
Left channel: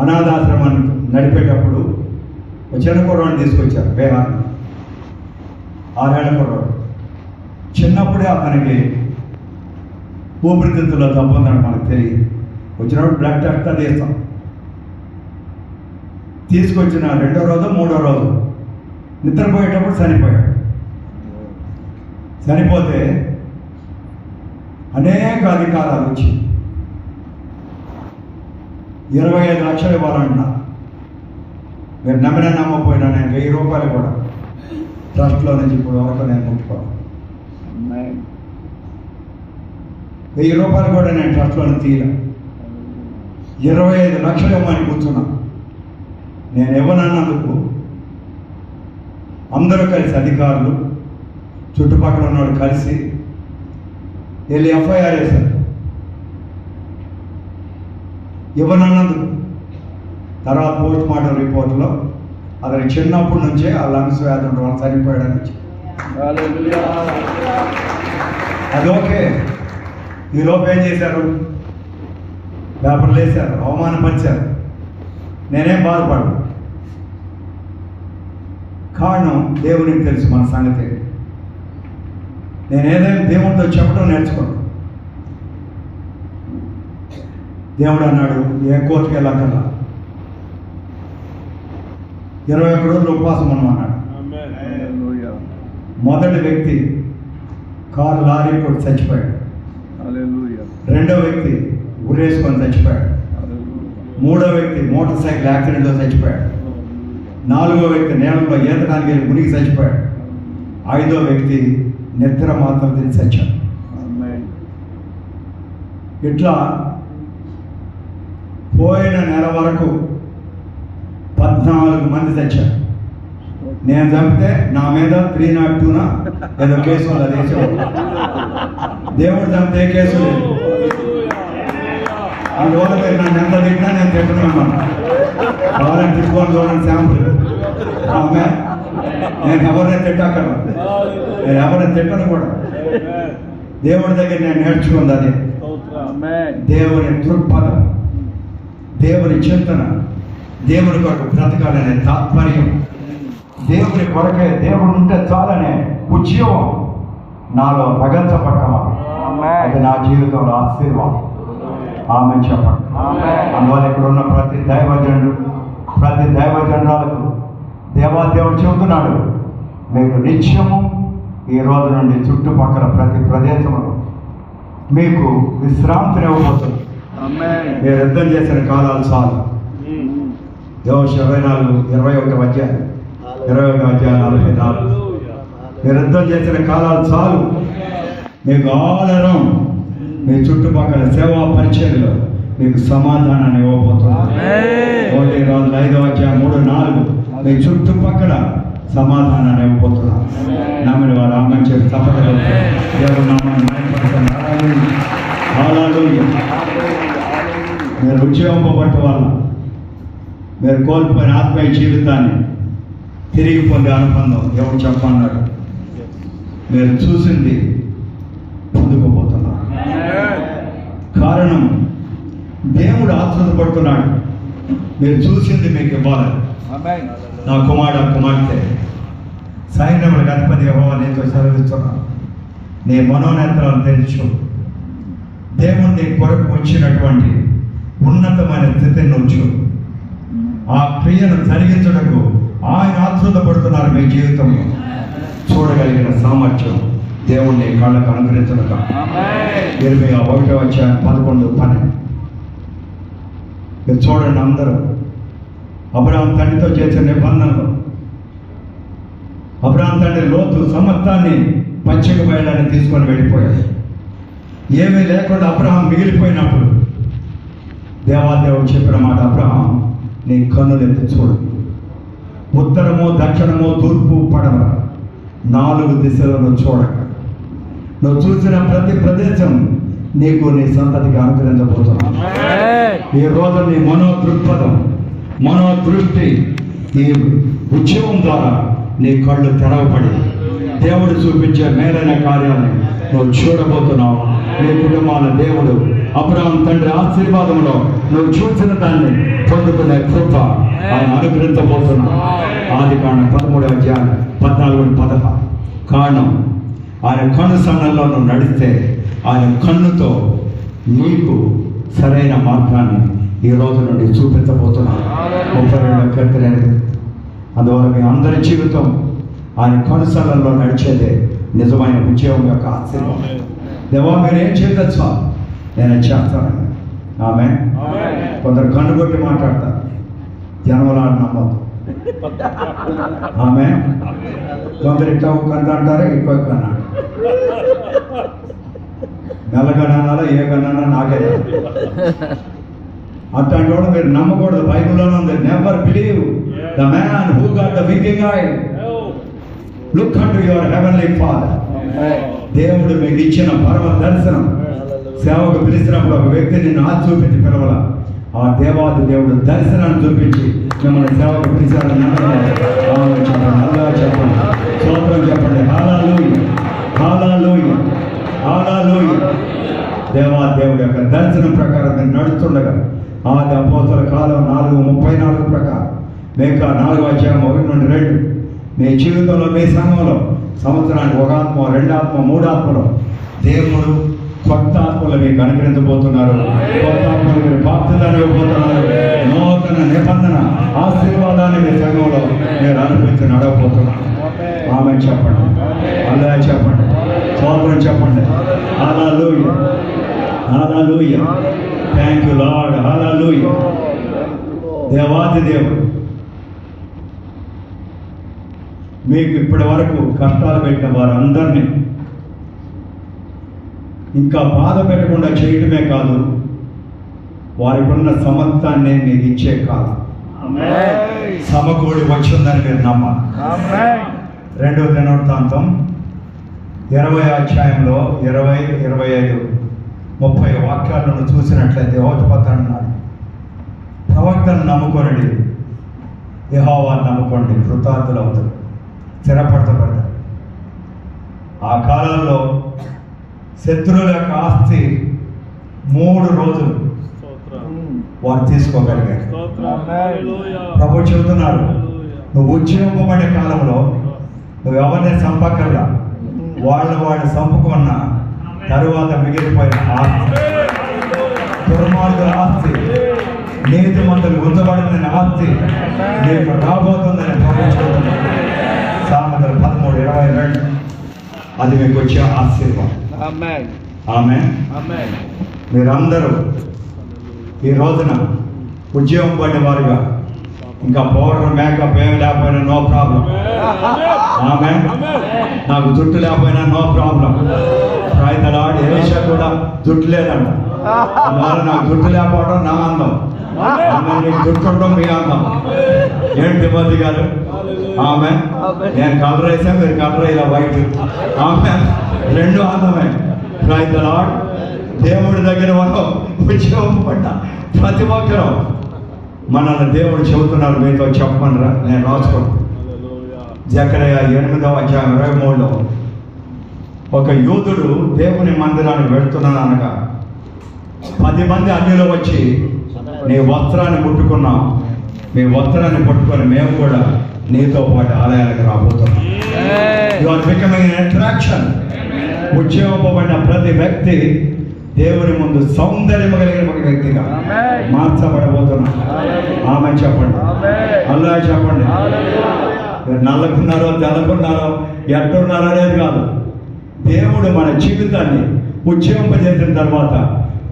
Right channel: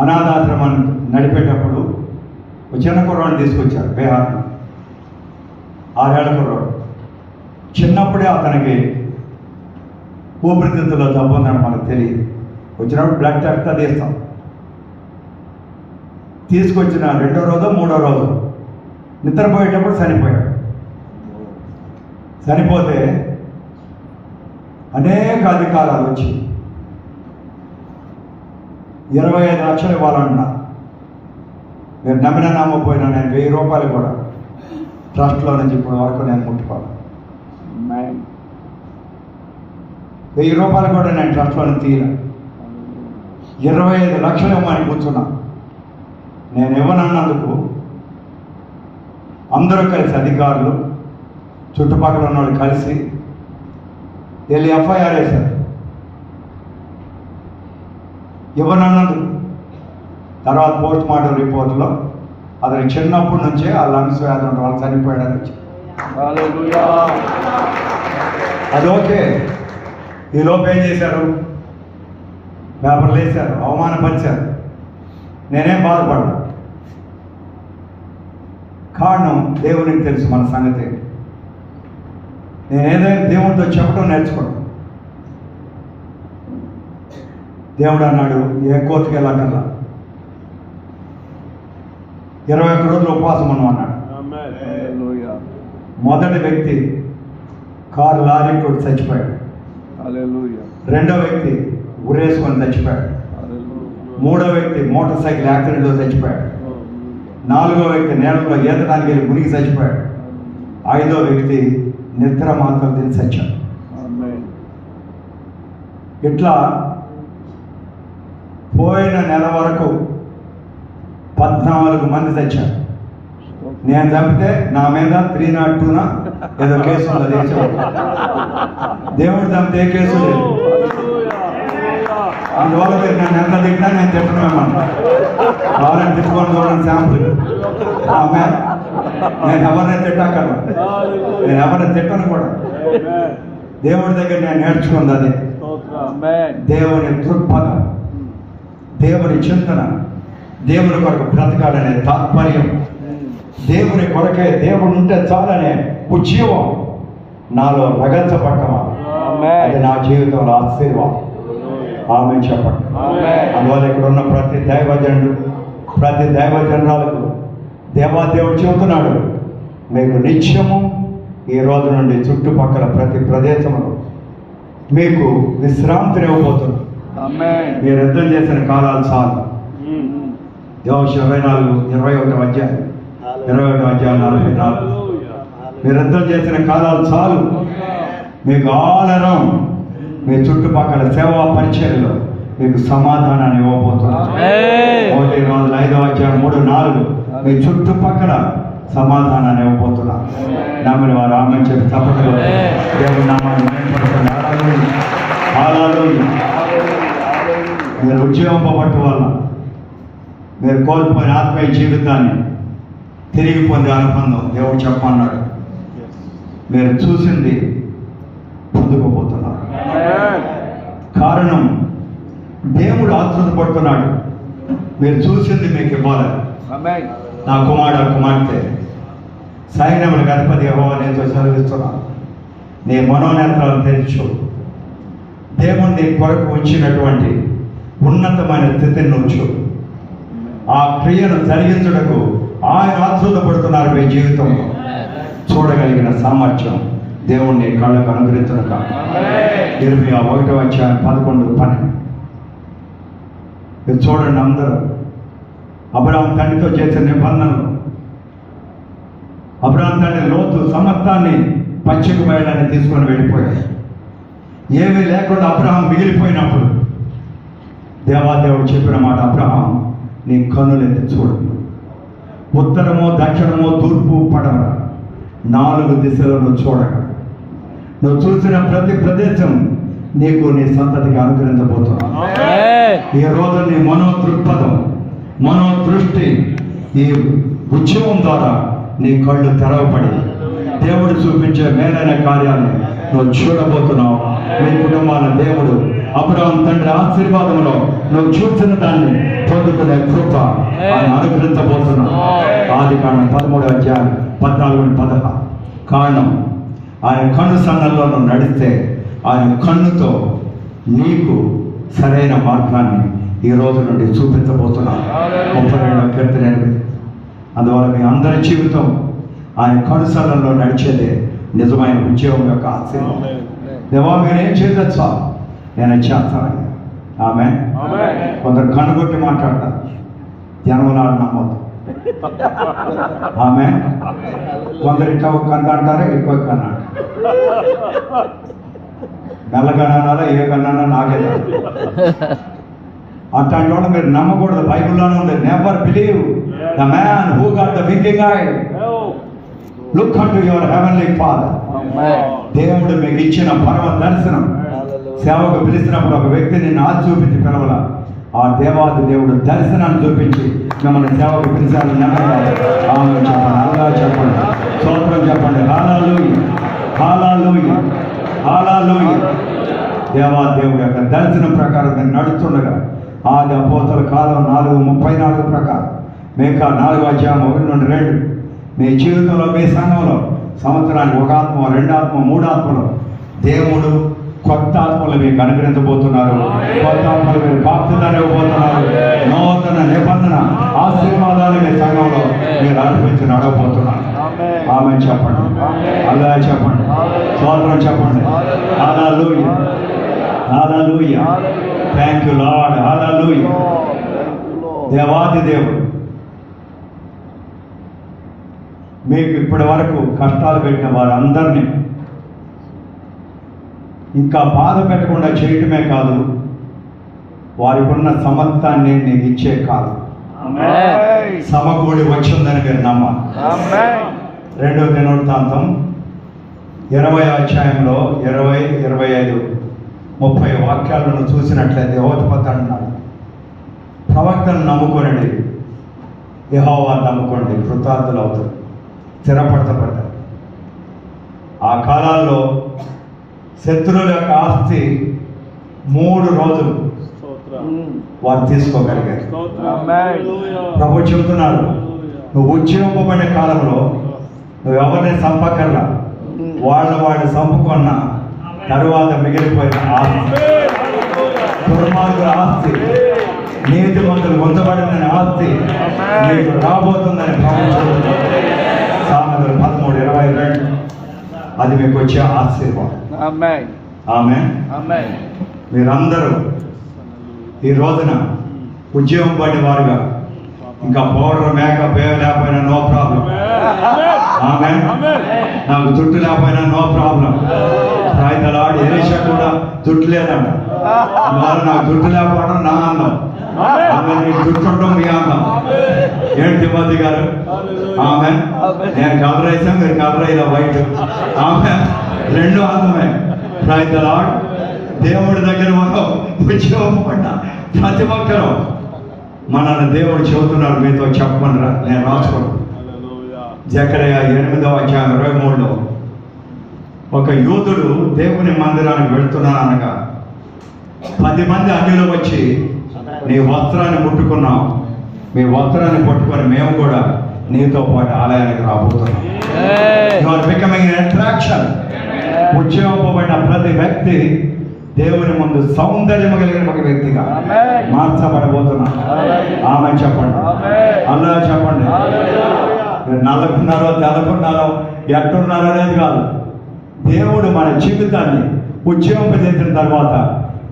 అనాథాశ్రమాన్ని నడిపేటప్పుడు ఒక చిన్న కుర్రాడిని తీసుకొచ్చారు, బీహార్ 6 ఏళ్ల కుర్రాడు. చిన్నప్పుడే అతనికి ఊపిరితిత్తులో జబ్బు ఉందని మనకు తెలియదు. వచ్చినప్పుడు బ్లడ్ టెస్ట్ తీస్తాం. తీసుకొచ్చిన 2వ రోజు 3వ రోజు నిద్రపోయేటప్పుడు చనిపోయాడు. చనిపోతే అనేక అధికారాలు వచ్చి 25 లక్షలు ఇవ్వాలన్నారు. మీరు నమ్మిన నమ్మకపోయినా నేను 1000 రూపాయలు కూడా ట్రస్ట్లో నుంచి ఇప్పుడు వరకు నేను ముట్టుకోవాలి. 1000 రూపాయలు కూడా నేను ట్రస్ట్లో నుంచి తీయలే. 25 లక్షలు ఇవ్వమని కూర్చున్నా. నేను ఇవ్వనన్నందుకు అందరూ కలిసి, అధికారులు చుట్టుపక్కల ఉన్నవాళ్ళు కలిసి వెళ్ళి ఎఫ్ఐఆర్ వేశారు. ఇవ్వనన్నందుకు. తర్వాత పోస్ట్ మార్టం రిపోర్ట్లో అతను చిన్నప్పటి నుంచే ఆ లంగ్స్ వ్యాధి ఉన్న వాళ్ళు చనిపోయాడని వచ్చింది. అది ఓకే. ఈ లోపు ఏం చేశారు? పేపర్లు వేశారు, అవమానపరిచారు. నేనేం బాధపడ్డా. కారణం దేవునికి తెలుసు మన సంగతి. నేను ఏదైనా దేవుడితో చెప్పడం నేర్చుకున్నాను. దేవుడు అన్నాడు, ఏ కోర్టుకి వెళ్ళక్కర్లా, 21 రోజులు ఉపవాసం ఉన్నాడు. మొదటి వ్యక్తి కారు లారీ కొట్టి చచ్చిపోయాడు. రెండో వ్యక్తి ఉరేసుకొని చచ్చిపోయాడు. మూడో వ్యక్తి మోటార్ సైకిల్ యాక్సిడెంట్లో చచ్చిపోయాడు. 4వ వ్యక్తి నేలలో ఈతడానికి వెళ్ళి మునిగి చచ్చిపోయాడు. 5వ వ్యక్తి నిద్ర మాత్రం తిని చచ్చాడు. ఇట్లా పోయిన నెల వరకు 14 మంది చచ్చారు. నేను చంపితే నా మీద 302 ఏదో కేసు ఉంది. దేశం దేవుడు చంపితే ఏ కేసు లేదు. అందువల్ల మీరు నన్ను ఎంత తిట్టినా నేను తిట్టున్నాను. ఎవరైనా తిట్టుకొని చూడండి శాంపుల్. నేను ఎవరిని తిట్టక్కర్లా, నేను ఎవరిని తిట్టను కూడా. దేవుడి దగ్గర నేను నేర్చుకుంది అది. దేవుని దృక్పథం, దేవుని చింతన, దేవుని కొరకు బ్రతకాలనే తాత్పర్యం, దేవుని కొరకే దేవుడు ఉంటే చాలనే ఉద్యోగం నాలో రగల్చబడ్డం. అది నా జీవితంలో ఆశీర్వాదం. ఆమె చెప్పండి. అందువల్ల ఇక్కడ ఉన్న ప్రతి దైవజనుడు, ప్రతి దైవజనురాలకు దేవాదేవుడు చెబుతున్నాడు, మీకు నిత్యము ఈ రోజు నుండి చుట్టుపక్కల ప్రతి ప్రదేశంలో మీకు విశ్రాంతిని ఇవ్వబోతుంది. మీరు యుద్ధం చేసిన కాలాలు చాలు. యోషువ 21 అధ్యాయం 44. మీరు యుద్ధం చేసిన కాలాలు చాలు. మీకు ఆలరం మీ చుట్టుపక్కల సేవా పరిచర్యలో మీకు సమాధానాన్ని ఇవ్వబోతున్నారు. 1 రోజులు 5వ అధ్యాయం 3, 4 మీ చుట్టుపక్కల సమాధానాన్ని ఇవ్వబోతున్నారు. నమ్మిన వారు ఆమె చెప్పి తప్పకుండా దేవుడు నామాన్ని మహిమపడుతున్నారు. హల్లెలూయా. మీరు ఉద్యోగపట్టు వల్ల మీరు కోల్పోయిన ఆత్మీయ జీవితాన్ని తిరిగి పొందే అనుబంధం దేవుడు చెప్పన్నాడు. మీరు చూసింది పొందుకోబోతున్నారు. కారణం దేవుడు ఆశ్చర్యపడుతున్నాడు. మీరు చూసింది మీకు ఇవ్వాలి. నా కుమార్తె సైన్యములకు అధిపతి యెహోవా నేను సెలవిస్తున్నాను, నీ మనోనేత్రాలను తెరచు. దేవుడు నీ కొరకు ఉంచినటువంటి ఉన్నతమైన స్థితిని ఉంచు. ఆ క్రియను జరిగించుటకు ఆయన ఆశ్చర్యపడుతున్నారు. మీ జీవితం చూడగలిగిన సామర్థ్యం దేవుణ్ణి కళ్ళకు అనుగ్రహించనుగా. 21వ అధ్యాయం 11, 12 మీరు చూడండి. అందరూ అబ్రహాము తండ్రితో చేసిన నిబంధనలు, అబ్రహాము తండ్రి లోతు సమస్తాన్ని పచ్చిక బయళ్ళని తీసుకొని వెళ్ళిపోయాడు. ఏమీ లేకుండా అబ్రహాం మిగిలిపోయినప్పుడు దేవాదేవుడు చెప్పిన మాట, అబ్రహాం నీ కన్నులెత్తి చూడు, ఉత్తరము దక్షిణము తూర్పు పడవ 4 దిశలను చూడక నువ్వు చూసిన ప్రతి ప్రదేశం నీకు నీ సంతతికి అనుగ్రహించబోతున్నావు. ఈ రోజు నీ మనోదృక్పథం, మనోదృష్టి ఈ ఉద్యమం ద్వారా నీ కళ్ళు తెరవబడి దేవుడు చూపించే మేలైన కార్యాలను నువ్వు చూడబోతున్నావు. నీ కుటుంబాన్ని దేవుడు అబ్రహాం తండ్రి ఆశీర్వాదంలో నువ్వు చూసిన దాన్ని పొందుకునే కృప ఆయన అనుగ్రహించబోతున్నావు. ఆదికాండం 13:14-16 కారణం ఆయన కన్ను సన్నల్లో నువ్వు నడిస్తే ఆయన కన్నుతో నీకు సరైన మార్గాన్ని ఈ రోజు నుండి చూపించబోతున్నాను. 32వ కీర్తన 8. అందువల్ల మీ అందరి జీవితం ఆయన కనుసరణలో నడిచేదే నిజమైన ఉద్యోగం యొక్క ఆశీర్వాదం. దేవా మీరేం చేయొచ్చా, నేను చేస్తాను. ఆమె కొందరు కనుగొట్టి మాట్లాడతారు, జన్మలాలు నమ్మదు. ఆమె కొందరు ఇంట్లో కన్ను అంటారు, ఇంకో కన్నా నల్లగన్నాలో ఏ కన్నా నాకే. అట్లాంటి వాళ్ళు మీరు నమ్మకూడదు. బైబిల్లోనే ఉంది, never believe the man who got the వికింగ్ I, look unto your heavenly father. దేవుడు మీకు ఇచ్చిన పరమ దర్శనం. సేవకు పిలిచినప్పుడు ఒక వ్యక్తి నిన్ను ఆది చూపించి పిలవల, ఆ దేవాది దేవుడు దర్శనాన్ని చూపించి మిమ్మల్ని సేవకు పిలిచారు. చెప్పండి, అల్లా చెప్పండి, స్తోత్రం చెప్పండి. హల్లెలూయా, హల్లెలూయా, హల్లెలూయా. దేవాదేవుడి యొక్క దర్శనం ప్రకారం నేను నడుస్తుండగా ఆది అపోస్తలుల కాలం 4:34 ప్రకారం మేకా 4:1-2 మీ జీవితంలో, మీ సంఘంలో సంవత్సరానికి 1 ఆత్మ, 2 ఆత్మ, 3 ఆత్మలు దేవుడు కొత్త ఆత్మలు మీకు అనుగ్రహించబోతున్నారు. కొత్త ఆత్మలు మీరు బాప్తిజాన్ని ఇవ్వబోతున్నారు. నూతన నిబంధన ఆశీర్వాదాన్ని మీ సంఘంలో మీరు అనుభవించి నడవబోతున్నారు. ఆమె చెప్పండి, అల్లా చెప్పండి, స్తోత్రం చెప్పండి. హల్లెలూయా, హల్లెలూయా. Thank you lord. హల్లెలూయా. దేవాది దేవుడు మీకు ఇప్పటి వరకు కష్టాలు పెట్టిన వారందరినీ ఇంకా బాధ పెట్టకుండా చేయటమే కాదు, వారికి ఉన్న సమత్వాన్ని మీకు ఇచ్చే కాలం సమకూడి వచ్చిందని మీరు నమ్మాలి. 2వ దినవృత్తాంతం 20వ అధ్యాయంలో 20, 25, 30 వాక్యాలను చూసినట్లయితే యెహోషాపాతు అంటున్నాడు, ప్రవక్తను నమ్ముకొనండి, యెహోవాను నమ్ముకోండి, కృతార్థులు అవుతారు, స్థిరపరచబడతారు. ఆ కాలాల్లో శత్రువుల యొక్క ఆస్తి 3 రోజులు వారు తీసుకోగలిగారు. ప్రభు చెబుతున్నారు, నువ్వు ఉద్యోగమైన కాలంలో నువ్వు ఎవరిని చంపకల్లా, వాళ్ళు చంపుకున్న తరువాత మిగిలిపోయిన ఆస్తి, దుర్మార్గుల ఆస్తి, నీతిమంతులు ఉంచబడిందని ఆస్తి నీకు రాబోతుందని ప్రభు చెబుతున్నారు. సామెతలు 13:22 అది మీకు వచ్చే ఆశీర్వాదం. ఆమేన్. మీరందరూ ఈ రోజున ఉద్యోగం పడిన వారుగా ఇంకా పౌడర్ మేకప్ ఏం లేకపోయినా నో ప్రాబ్లం. ఆమేన్. నాకు జుట్టు లేకపోయినా నో ప్రాబ్లం. రైతులాడు ఏషా కూడా జుట్టు లేదంట, అందువల్ల నాకు జుట్టు లేకపోవడం నా అందం. ఆమె నీకు జుట్టు ఉండడం మీ అందం. ఏంటి మోదీ గారు? ఆమె నేను కలర్ వేసా, మీరు కలర్ అయ్యా వైట్. ఆమె 2 అందమే. రైతులాడు దేవుడి దగ్గర ఉద్యోగపడ్డ ప్రతి ఒక్కరూ మనల్ని దేవుడు చెబుతున్నారు, మీతో చెప్పమనరా, నేను రాసుకోండి. జకరియా 8:23 ఒక యూదుడు దేవుని మందిరానికి వెళ్తున్నాననగా 10 మంది అన్యులు వచ్చి నీ వస్త్రాన్ని ముట్టుకున్నాం, మీ వస్త్రాన్ని ముట్టుకొని మేము కూడా నీతో పాటు ఆలయానికి రాబోతున్నాం. You are becoming an attraction. ఉద్యోగపడిన ప్రతి వ్యక్తి దేవుని ముందు సౌందర్యం కలిగిన ఒక వ్యక్తిగా మార్చబడబోతున్నాం. ఆమె చెప్పండి, అల్లా చెప్పండి. మీరు నల్లకున్నారో తెల్లకున్నారో ఎట్టున్నారో అనేది కాదు, దేవుడు మన జీవితాన్ని ఉద్యోగింపజేసిన తర్వాత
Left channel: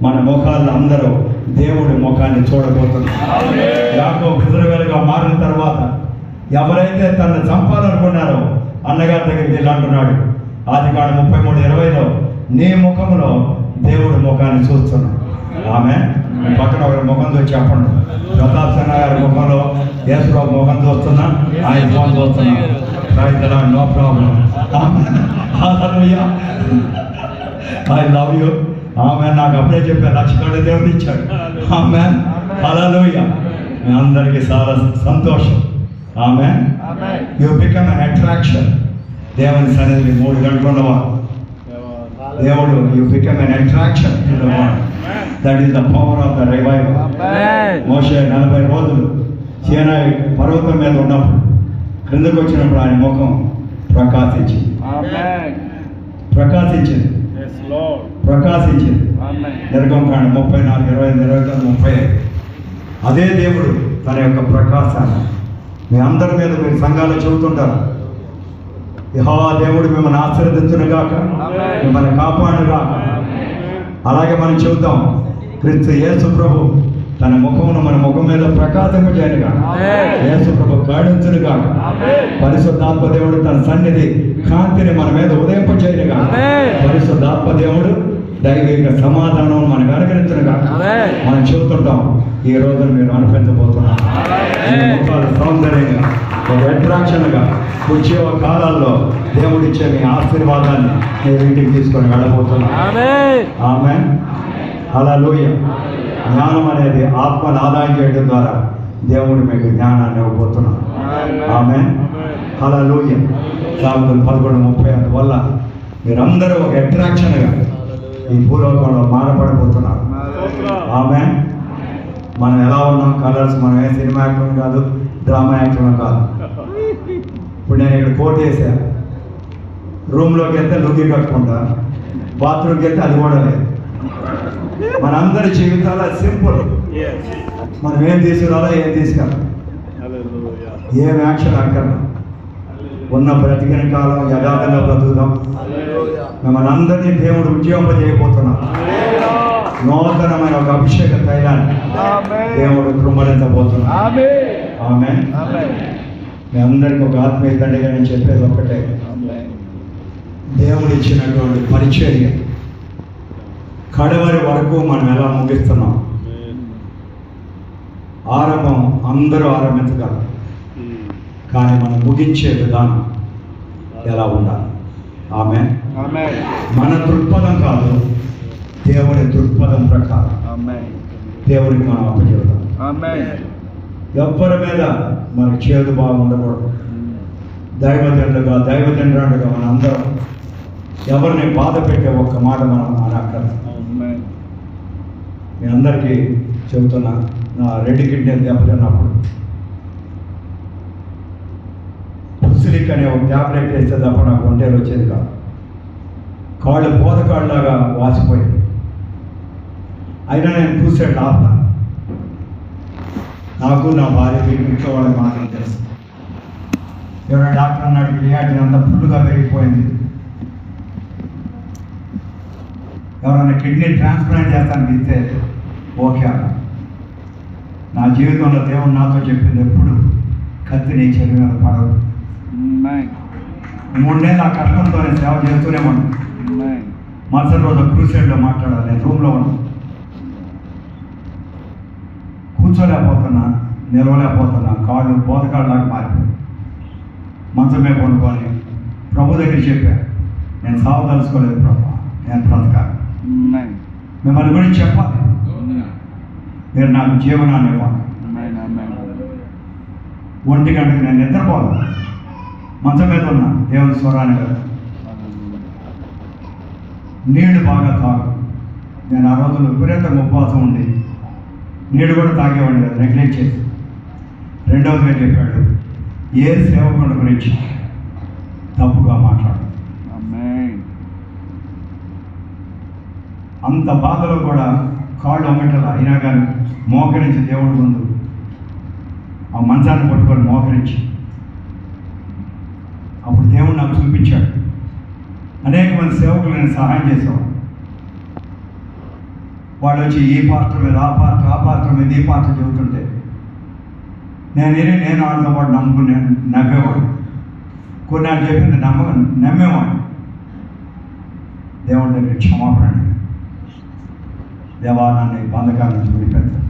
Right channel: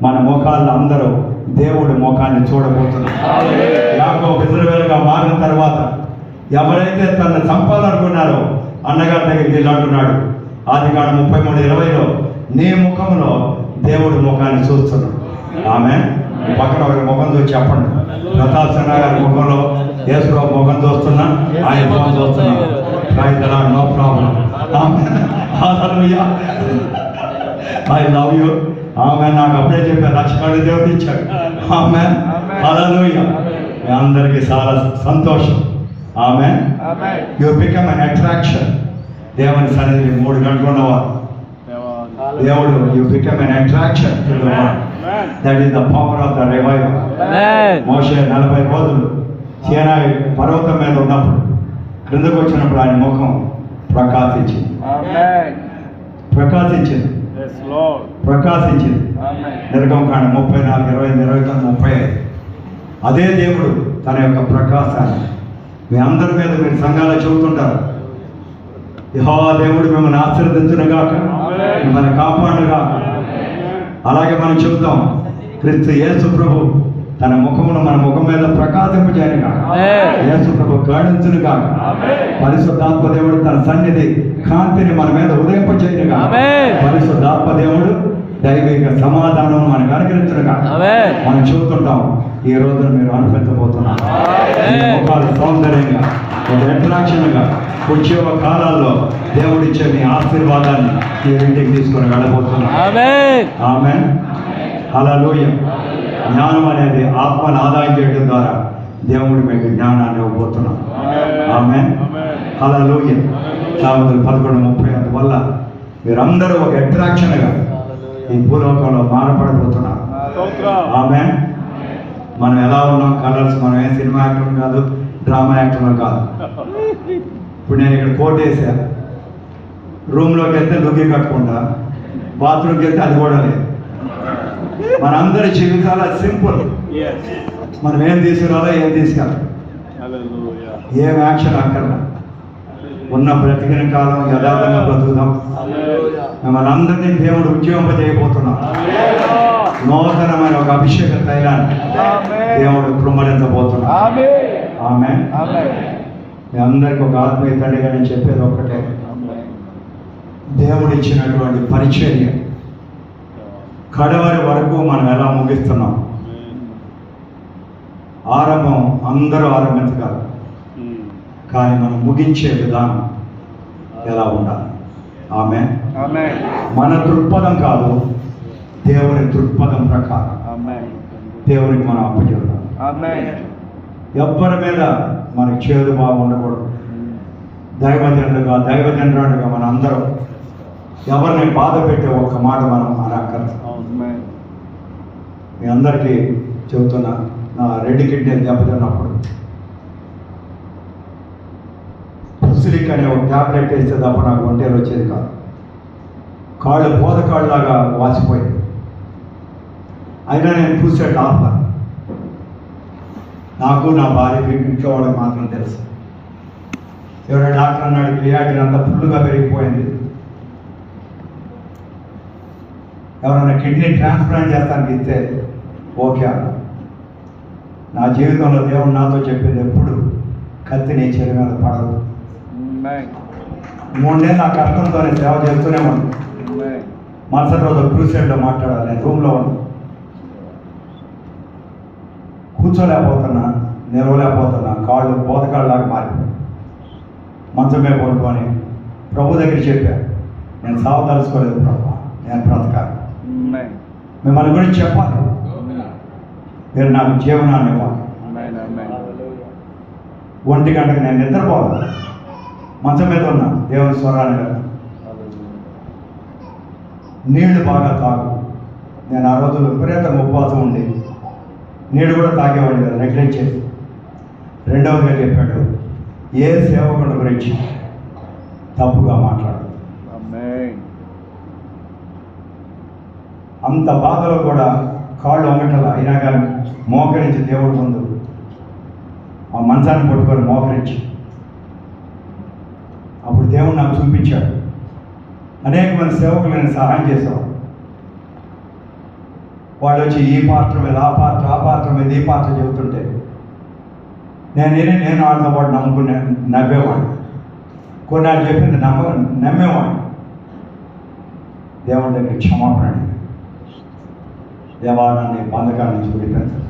మన ముఖాలను అందరూ దేవుడి ముఖాన్ని చూడబోతున్నారు. యాకోబు ఇశ్రాయేలుగా మారిన తర్వాత ఎవరైతే తనను చంపాలనుకున్నారో అన్నగారి దగ్గరికి వెళ్ళి అంటున్నాడు, ఆదికాండం 33:20 నీ ముఖంలో దేవుడు ముఖాన్ని చూస్తున్నాడు. ఆమె పక్కన ఒకరి ముఖం చూసి చెప్పండి. ప్రతాప్ సింహ గారి ముఖంలో యేసుప్రభు ముఖం చూస్తున్నా, ఆయన ముఖం చూస్తున్నా. No problem. I love you. ఆమె నాకు అప్పుడే చెప్పారు, 1,00,000 కళ్ళు దేవుడు ఇచ్చాడు. ఆమె హల్లెలూయా. మీ అందరికీ చాలా సంతోషం. ఆమె యు బికమ్ అన్ అట్రాక్షన్. దేవుని సన్నిధికి 3 గంటలు ఉన్నవారు దేవుడు, you become an attraction. That is the power of the revival. మోషే 40 రోజులు సీనాయి పర్వతం మీద ఉన్నప్పుడు క్రిందకు వచ్చినప్పుడు ఆయన ముఖం ప్రకాశించింది. నిర్గమకాండం 34:20-29-35. అదే దేవుడు తన యొక్క ప్రకాశాన్ని మీ అందరి మీద మీరు సంఘాలు చెబుతుంటారు. యెహోవా దేవుడు మిమ్మల్ని ఆశీర్వదించునుగాక, మిమ్మల్ని కాపాడునుగాక. అలాగే మనం చెబుతాం, క్రీస్తు యేసు ప్రభు తన ముఖమును మన ముఖం మీద ప్రకాశింపజేయనుగాక, యేసు ప్రభు కరుణించునుగాక, పరిశుద్ధాత్మ దేవుడు తన సన్నిధి కాంతిని మన మీద ఉదయింపజేయనుగాక, పరిశుద్ధాత్మ దేవుడు దైవిక సమాధానం మనకు అనుగ్రహించునుగాక. మనం చెబుతుంటాం. ఈ రోజు మీరు అనిపించబోతున్నారు. మీ ముఖాలు సౌందర్యంగా, ఒక అట్రాక్షన్గా ఉద్యోగ కాలాల్లో దేవుడిచ్చే మీ ఆశీర్వాదాన్ని మీరు ఇంటికి తీసుకొని వెళ్ళబోతున్నారు. ఆమేన్. హల్లెలూయా. జ్ఞానం అనేది ఆత్మను ఆదాయం చేయడం ద్వారా దేవుడు మీకు జ్ఞానాన్ని ఇవ్వబోతున్నాడు. ఆమేన్. హల్లెలూయా. సామెతలు 11:30. అందువల్ల మీరందరూ ఒక అట్రాక్షన్గా ఈ భూలోకంలో మారపడబోతున్నారు. ఆమేన్. మనం ఎలా ఉన్నాం, కలర్స్, మనం ఏ సినిమా యాక్టర్ కాదు, డ్రామా యాక్టర్ కాదు. ఇప్పుడు నేను ఇక్కడ కోట్ వేసాను, రూమ్లోకి వెళ్తే లుంగి కట్టుకుంటా, బాత్రూమ్కి వెళ్తే అది కూడా లేదు. మనందరి జీవితాల సింపుల్. మనం ఏం తీసుకురాలో ఏం తీసుకెళ్ళాలి, ఏం యాక్షన్ అక్కర్లా. ఉన్న బ్రతికిన కాలం యథార్థంగా బ్రతుకుతాం. మిమ్మల్ని అందరినీ దేవుడు ఉద్యోగింపజేయబోతున్నాం. నూతనమైన ఒక అభిషేక తైలాన్ని దేవుడు కృమ్మరించబోతున్నాడు. ఆమేన్. మీ అందరికి ఒక ఆత్మీయ తండ్రిగా నేను చెప్పేది ఒక్కటే, దేవుడు ఇచ్చినటువంటి పరిచర్య కడవరి వరకు మనం ఎలా ముగిస్తున్నాం. ఆరంభం అందరూ ఆరంభించగలరు, కానీ మనం ముగించే విధానం ఎలా ఉండాలి. ఆమేన్. మన దృక్పథం కాదు, దేవుని దృక్పథం ప్రకారం దేవునికి మనం అప్పచెప్తాం. ఎవ్వరి మీద మనకి చేదు భావం ఉండకూడదు. దైవజనుడుగా మన అందరం ఎవరిని బాధ పెట్టే ఒక్క మాట మనం అనక్కర్లేదు. మీ అందరికీ చెబుతున్నా, నా 2 కిడ్నీలు దెబ్బతిన్నప్పుడు పుసిలిక్ అనే ఒక ట్యాబ్లెట్ వేస్తే తప్ప నాకు ఒంటేలు వచ్చేది కాదు. కాళ్ళు బోధకాళ్ళలాగా వాసిపోయింది. అయినా నేను క్రూసైడ్ ఆపా. నాకు నా భార్యకి ఇంట్లో వాళ్ళకి మాత్రం తెలుసు. ఎవరైనా డాక్టర్ అన్నాడు, క్రియాటిన్ అంతా ఫుల్గా పెరిగిపోయింది, ఎవరైనా కిడ్నీ ట్రాన్స్ప్లాంట్ చేస్తానికి ఇస్తే ఓకే అన్న. నా జీవితంలో దేవుడు నాతో చెప్పింది, ఎప్పుడు కత్తి నీ చెవి మీద పడదు. 3 నెలలు నా కష్టంతోనే సేవ చేస్తూనే ఉన్నాను. మరుసటి రోజు క్రూసైడ్లో మాట్లాడాలి. నేను రూమ్లో ఉన్నాను, కూర్చోలేకపోతున్నా, నిలవలేకపోతున్నా, కాళ్ళు బోధకాళ్ళలాగా మారిపోయి మంచమే కొనుక్కొని ప్రభు దగ్గర చెప్పాను, నేను సాగు తలుసుకోలేదు ప్రభు, నేను బ్రతకాలి, మిమ్మల్ని గురించి చెప్పాలి, మీరు నాకు జీవనాన్ని ఇవ్వాలి. 1 గంటకు నేను నిద్రపోవాలి, మంచం మీద ఉన్నా, దేవుని స్వరాన్ని కదా, నీళ్లు బాగా తాగు. నేను ఆ రోజులు విపరీతంగా ఉపవాసం ఉండి నీళ్ళు కూడా తాగేవాడు కదా, నెగ్లెక్ట్ చేసి. రెండవదిగా చెప్పాడు, ఏ సేవకుల గురించి తప్పుగా మాట్లాడు. అంత బాధలో కూడా కాళ్ళు వంగటల అయినా కానీ మోకరించి దేవుడి ముందు ఆ మంచాన్ని పట్టుకొని మోకరించి, అప్పుడు దేవుడు నాకు చూపించాడు. అనేక మంది సేవకులు నేను సహాయం చేసేవాడు. వాళ్ళు వచ్చి ఈ పాత్ర మీద ఆ పాత్ర మీద ఈ పాత్ర చెబుతుంటే నేను వాళ్ళతో పాటు నమ్ముకునే నవ్వేవాడు. కొన్ని ఆయన చెప్పింది నమ్మేవాడు. దేవుని దగ్గర క్షమాపణ అడిగాను. దేవా నన్ను బంధకాల నుంచి విడిపెడతాను,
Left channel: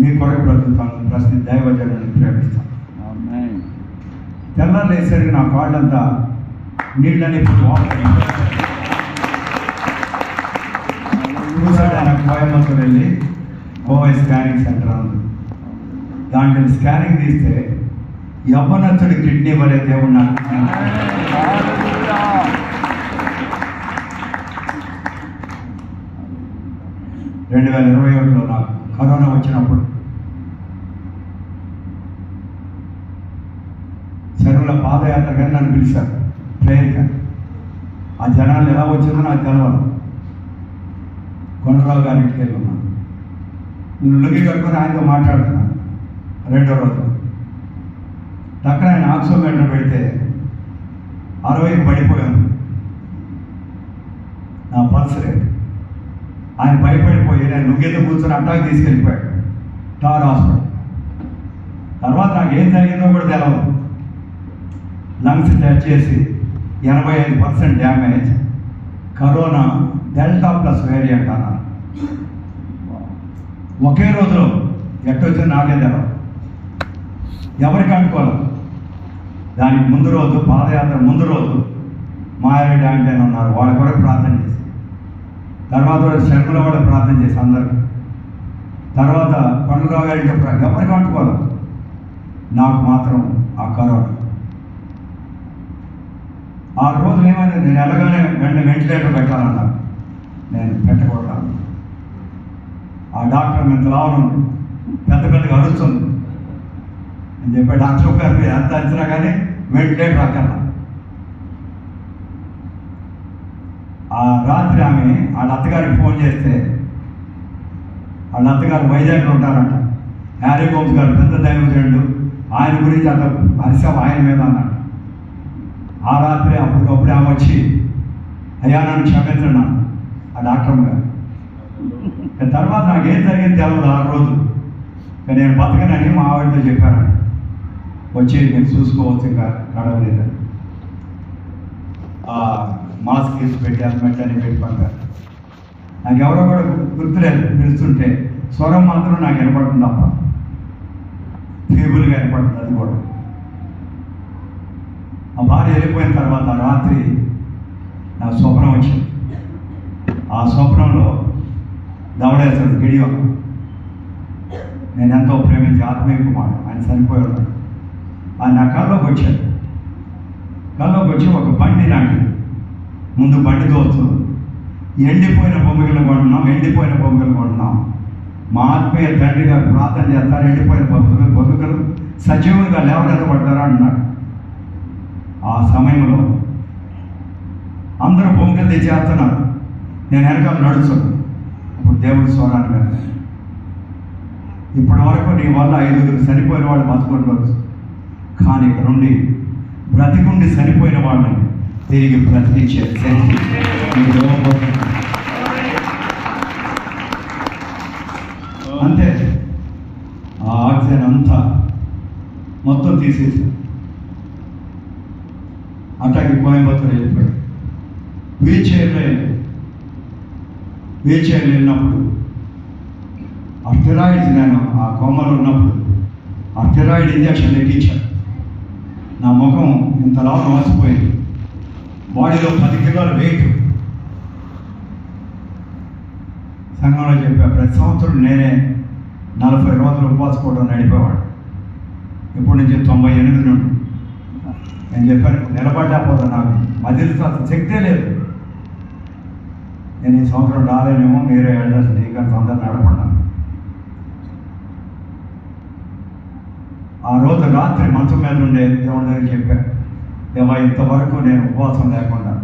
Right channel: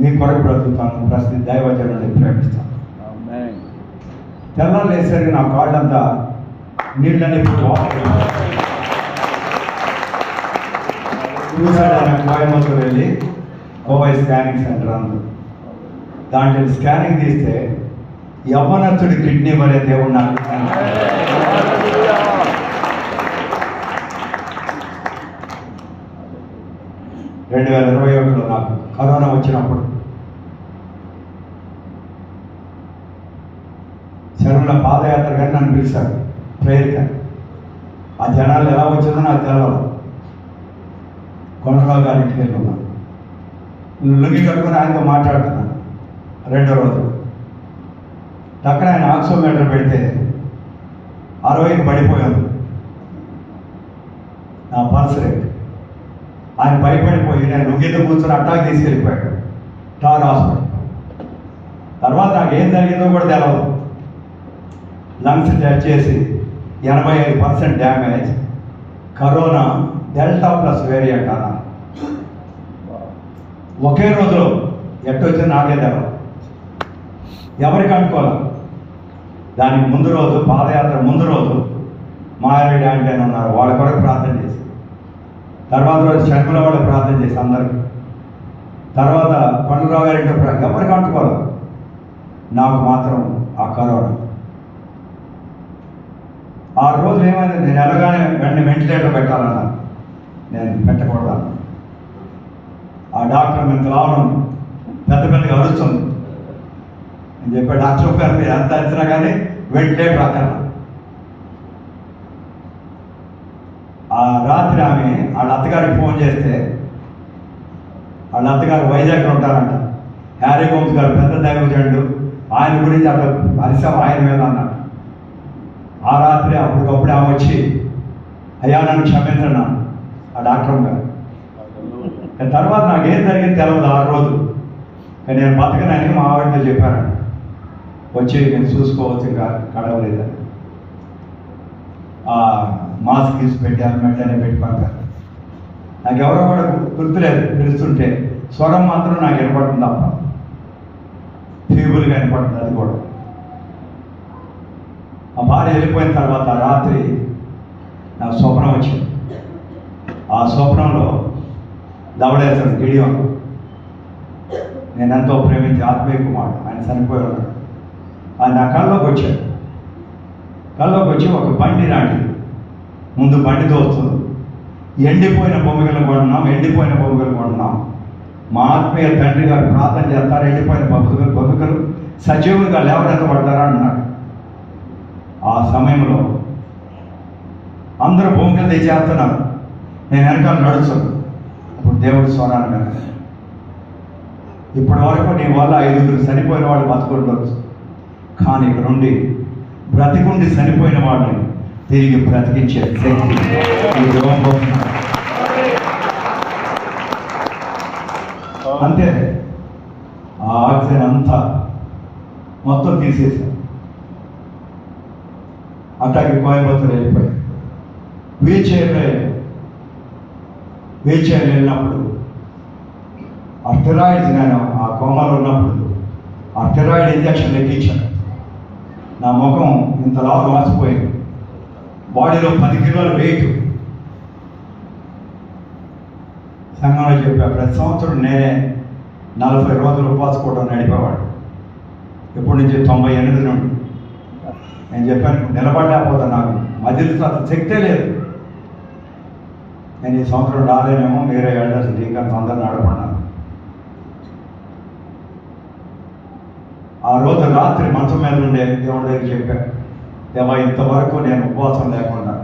మీ కొరకు బ్రతుకుతాను, ప్రస్తుత దైవజనుని ప్రేమిస్తాను. తెల్లారు లేసరికి నా కాళ్ళంతా నీళ్ళని చూసాడు. నాకు కోయంబత్తూరు వెళ్ళి ఓవై స్కానింగ్ సెంటర్ అందు దాంట్లో స్కానింగ్ తీస్తే యవ్వనస్తుడి కిడ్నీ వరే దేవుడు నాకు 2021లో నాకు కరోనా వచ్చినప్పుడు శరణుల పాదయాత్ర కానీ నన్ను పిలిచారు ప్రేయర్ కానీ. ఆ జనాలు ఎలా వచ్చిందో నాకు తెలవదు. కొండరావు గారి ఇంటికి వెళ్తున్నాను, లుంగి కట్టుకుని ఆయనతో మాట్లాడుతున్నాను. రెండో రోజు టక్కన ఆయన ఆక్సిమీటర్ పెడితే 60కి పడిపోయాను నా పల్స్ రేట్. ఆయన భయపడిపోయి నేను లుంగితో కూర్చొని అట్టాకి తీసుకెళ్ళిపోయాడు టార్ హాస్పిటల్. తర్వాత నాకు ఏం జరిగిందో కూడా తెలవదు. లంగ్స్ టచ్ చేసి 85% damage, corona delta plus variant అన్నారు. ఒకే రోజులో ఎట్టొచ్చింది నాకే తెలవదు, ఎవరికి అనుకోవాలి. దానికి ముందు రోజు పాదయాత్ర ముందు రోజు మాయారెడ్డి అంటే ఉన్నారు, వాళ్ళ కొరకు ప్రార్థన చేసి, తర్వాత రోజు శంకర వాళ్ళకి ప్రార్థన చేసి అందరికి, తర్వాత కొండరావు గారి ఎవరికి అంటుకోవాలి. నాకు మాత్రం ఆ కరోనా. ఆ రోజు ఏమైంది, నేను ఎలాగానే వెంటనే వెంటిలేటర్ పెట్టాలన్నారు, నేను పెట్టకూడదు. ఆ డాక్టర్ ఎంత రావడం పెద్ద పెద్దగా అరుస్తుంది అని చెప్పాడు. డాక్టర్ గారు ఎంత అరిచినా కానీ వెంటిలేటర్ అక్కర్లా. ఆ రాత్రి ఆమె వాళ్ళ అత్తగారికి ఫోన్ చేస్తే, వాళ్ళ అత్తగారు వైజాగ్లో ఉంటారంట, హ్యారీ గోమ్స్ గారు పెద్ద దైవజనుడు, ఆయన గురించి అట్లా అరిసాం ఆయన మీద అన్నట్టు. ఆ రాత్రి అప్పటికప్పుడు ఆమె వచ్చి అయ్యా నన్ను క్షమించండి ఆ డాక్టర్ గారు. తర్వాత నాకు ఏం జరిగింది తెలవదు ఆ రోజు. నేను బతకనని మా ఆవిడతో చెప్పాను, వచ్చి నేను చూసుకోవచ్చు కడవలేదని. మాస్క్ తీసి పెట్టి హెల్మెట్ అని పెట్టి పంపారు. నాకు ఎవరో కూడా గుర్తులేదు, పిలుస్తుంటే స్వరం మాత్రం నాకు వినపడుతుంది తప్ప ఫీబుల్గా వినపడుతుంది. అది కూడా ఆ భార్య వెళ్ళిపోయిన తర్వాత రాత్రి నాకు స్వప్నం వచ్చింది. ఆ స్వప్నంలో దవడేశ్వరుడు గిడియోను, నేను ఎంతో ప్రేమించి ఆత్మీయ కుమారుడు, ఆయన చనిపోయి ఉన్నాడు. ఆయన నా కళ్ళలోకి వచ్చాడు. కళ్ళలోకి వచ్చి ఒక బండి రాండి, ముందు బండితో వస్తుంది, ఎండిపోయిన బొమ్మగలు కొంటున్నాం, మా ఆత్మీయ తండ్రి గారు ప్రార్థన చేస్తారు, ఎండిపోయిన బొమ్మగలు సజీవులుగా లేవనెత్తబడతారా అన్నాడు. ఆ సమయంలో అందరూ బొమ్మగలు తెచ్చేస్తున్నారు, నేను వెనకాల నడుచున్నాను. అప్పుడు దేవుడి స్వరాన్ని విన్నాను, ఇప్పటి వరకు నీ వల్ల 5గురు చనిపోయిన వాళ్ళు బతుకుండవచ్చు, కానీ ఇక్కడ నుండి బ్రతికుండి చనిపోయిన వాళ్ళని తిరిగి బ్రతికించే శక్తి అంతే. ఆ ఆక్సిజన్ అంతా మొత్తం తీసేసాను. అట్లాగే కోయంబత్తూరు వెళ్ళిపోయి వీల్ చైర్లో వెళ్ళినప్పుడు అర్థరాయిడ్, నేను ఆ కోమాలో ఉన్నప్పుడు అర్థరాయిడ్ ఇంజక్షన్ ఎక్కించాను. నా ముఖం ఇంతలా వాసిపోయింది, బాడీలో 10 కిలోల వెయిట్. సంఘంలో చెప్పా, ప్రతి సంవత్సరం నేనే 40 రోజులు ఉపవాసుకోవడం నడిపేవాడు. ఇప్పటి నుంచి 98 నుండి నేను చెప్పాను, నిలబడలేకపోతే నాకు మధ్యలో అసలు శక్తే లేదు. నేను ఈ సంవత్సరం రాలేనేమో, మీరే ఎల్డర్స్ డీకన్స్ అందరూ నడపడినాను. ఆ రోజు రాత్రి మంచం మీద ఉండే దేవుడి దగ్గర చెప్పాను, దేవా ఇంతవరకు నేను ఉపవాసం లేకుండా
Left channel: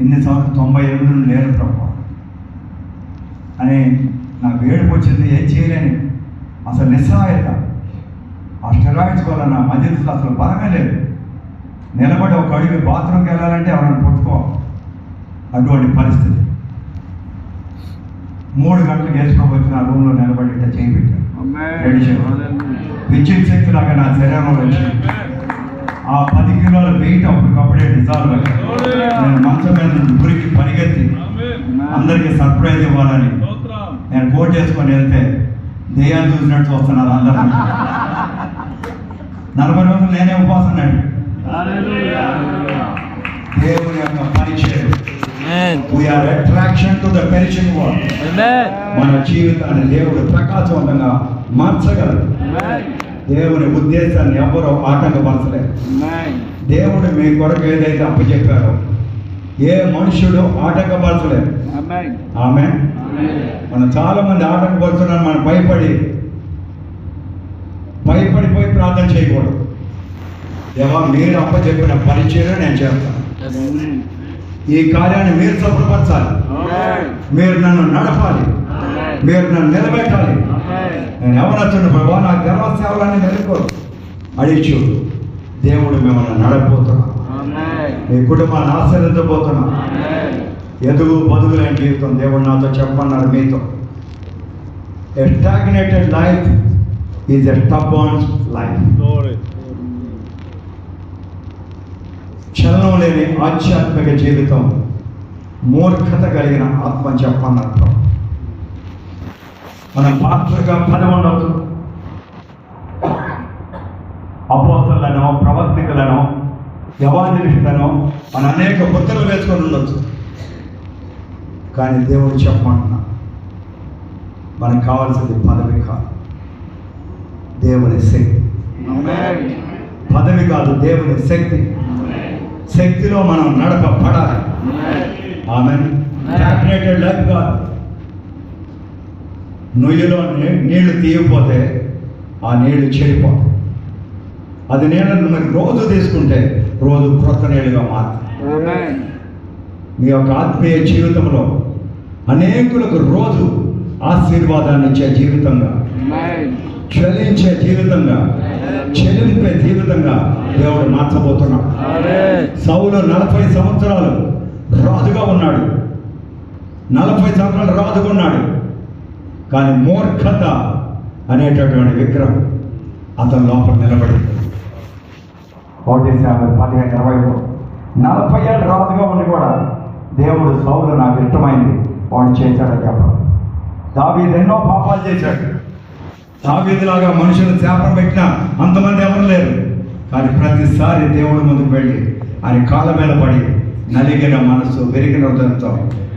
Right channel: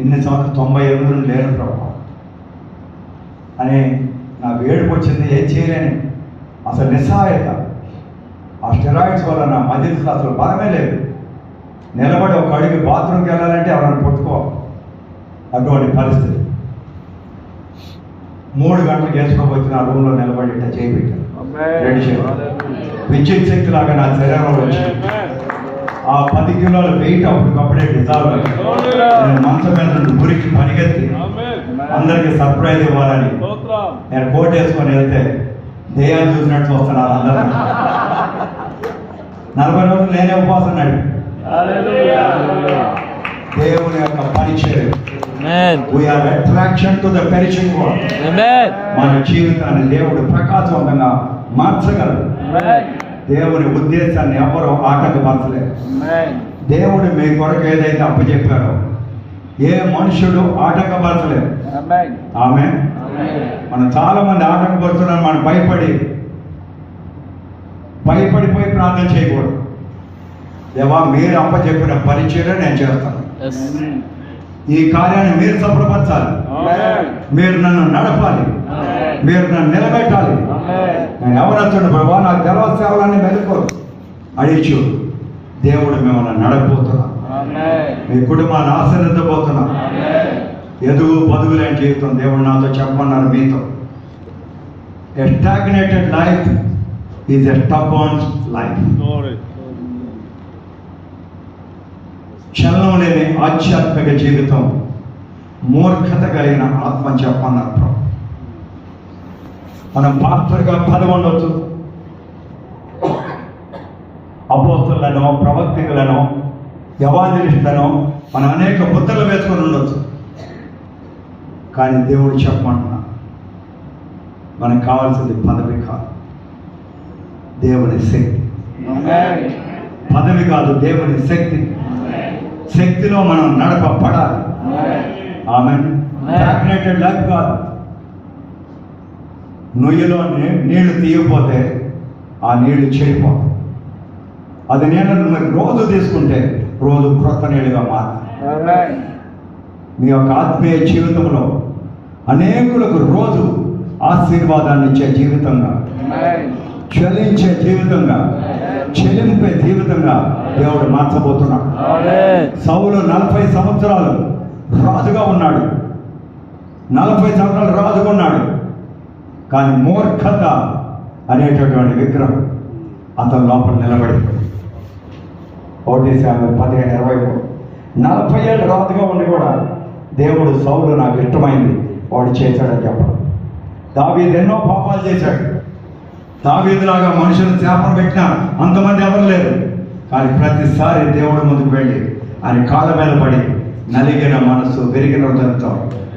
ఇన్ని సంవత్సరం 98 నుండి లేను ప్రభు అని నాకు ఏడుపు వచ్చింది. ఏం చేయలేని అసలు నిస్సహాయత. ఆ స్టెరాయిడ్స్ వల్ల నా మధ్యలో అసలు బలమే లేదు. నిలబడి ఒక అడుగు బాత్రూమ్కి వెళ్ళాలంటే ఎవరైనా పుట్టుకోవాలి, అటువంటి పరిస్థితి. 3 గంటలకు వేసుకోవచ్చు నా రూమ్లో నిలబడి ఇట్లా చేయి పెట్టాను, విద్యుత్ శక్తి లాగా నా శరీరంలో వచ్చింది. ఆ 10 కిలోల వెయిట్ అప్పటికప్పుడే డిజాల్వ్ అయ్యి నేను మంచం మీద నుండి ఊరికి పరిగెత్తి అందరికి సర్ప్రైజ్ ఇవ్వాలని నేను కోట్ వేసుకొని వెళ్తే దెయ్యాలు చూసినట్టు వస్తున్నారు అందరూ. 40 రోజులు నేనే ఉపవాసం నడి దేవుని యొక్క పరిచయం. We are attraction to the perishing world. మన జీవితాన్ని దేవుడు ప్రకాశవంతంగా మార్చగలరు. దేవుని ఉద్దేశాన్ని ఎవరో ఆటంకపరచలేదు. దేవుడు మీ కొరకు ఏదైతే అప్పచెప్పారో ఏ మనుషుడు ఆటంకపరచలేదు. ఆమె మనం చాలా మంది ఆటంకపరుచున్నాం. మనం భయపడిపోయి ప్రార్థన చేయకూడదు. దేవా, మీరు అప్పచెప్పిన పరిచయం నేను చేస్తాను. ఈ కార్యాన్ని మీరు సఫలపరచాలి. మీరు నన్ను నడపాలి. మీరు నన్ను నిలబెట్టాలి. నేను ఎవరొచ్చాను ప్రభా, నాకు గర్వ సేవలన్నీ మెలుకో అడిచు. దేవుడు మిమ్మల్ని నడపబోతున్నాం. మీ కుటుంబాన్ని ఆశీర్వదించబోతున్నాం. ఎదుగు బదుగులేని జీవితం దేవుడు నాతో చెప్పమన్నారు మీతో. A stagnated life is a stubborn life. చలనం లేని ఆధ్యాత్మిక జీవితం మూర్ఖత కలిగిన ఆత్మ చెప్పన్నప్పుడు మనం పాత్రగా పదవి ఉండొచ్చు. అపోస్తలులను, ప్రవక్తలను, యవాంజలిస్టులను మనం అనేక ముద్రలు వేసుకొని ఉండొచ్చు. కానీ దేవుడు చెప్పమంటున్నా, మనకు కావాల్సింది పదవి కాదు, దేవుని శక్తి. పదవి కాదు, దేవుని శక్తి. శక్తిలో మనం నడపబడాలి. ఆమేన్. స్టాగ్నేటెడ్ లైఫ్ కాదు. నుయ్యలో నీళ్లు తీయకపోతే ఆ నీళ్లు చెడిపోతాయి. అది నీళ్ళను మరి రోజు తీసుకుంటే రోజు క్రొత్త నీళ్ళుగా మారుతుంది. మీ యొక్క ఆత్మీయ జీవితంలో అనేకులకు రోజు ఆశీర్వాదాన్ని ఇచ్చే జీవితంగా, చలించే జీవితంగా, చెలింపే జీవితంగా దేవుడు మార్చబోతున్నాడు. సౌలు 40 సంవత్సరాలు రాజుగా ఉన్నాడు. 40 సంవత్సరాలు రాజుగా ఉన్నాడు. కానీ మూర్ఖత అనేటటువంటి విగ్రహం అతని లోపల నిలబడి 1:15-23 40 ఏళ్ళు రాజుగా ఉండి కూడా దేవుడు సౌలు నాకు ఇష్టమైంది వాడు చేశాడని చెప్పాడు. దావీదు ఎన్నో పాపాలు చేశాడు. దావీదులాగా మనుషులు శాపం పెట్టినా అంతమంది ఎవరు లేరు. కానీ ప్రతిసారి దేవుడి ముందుకు వెళ్ళి ఆయన కాళ్ళ మీద పడి నలిగిన మనసు, విరిగిన హృదయంతో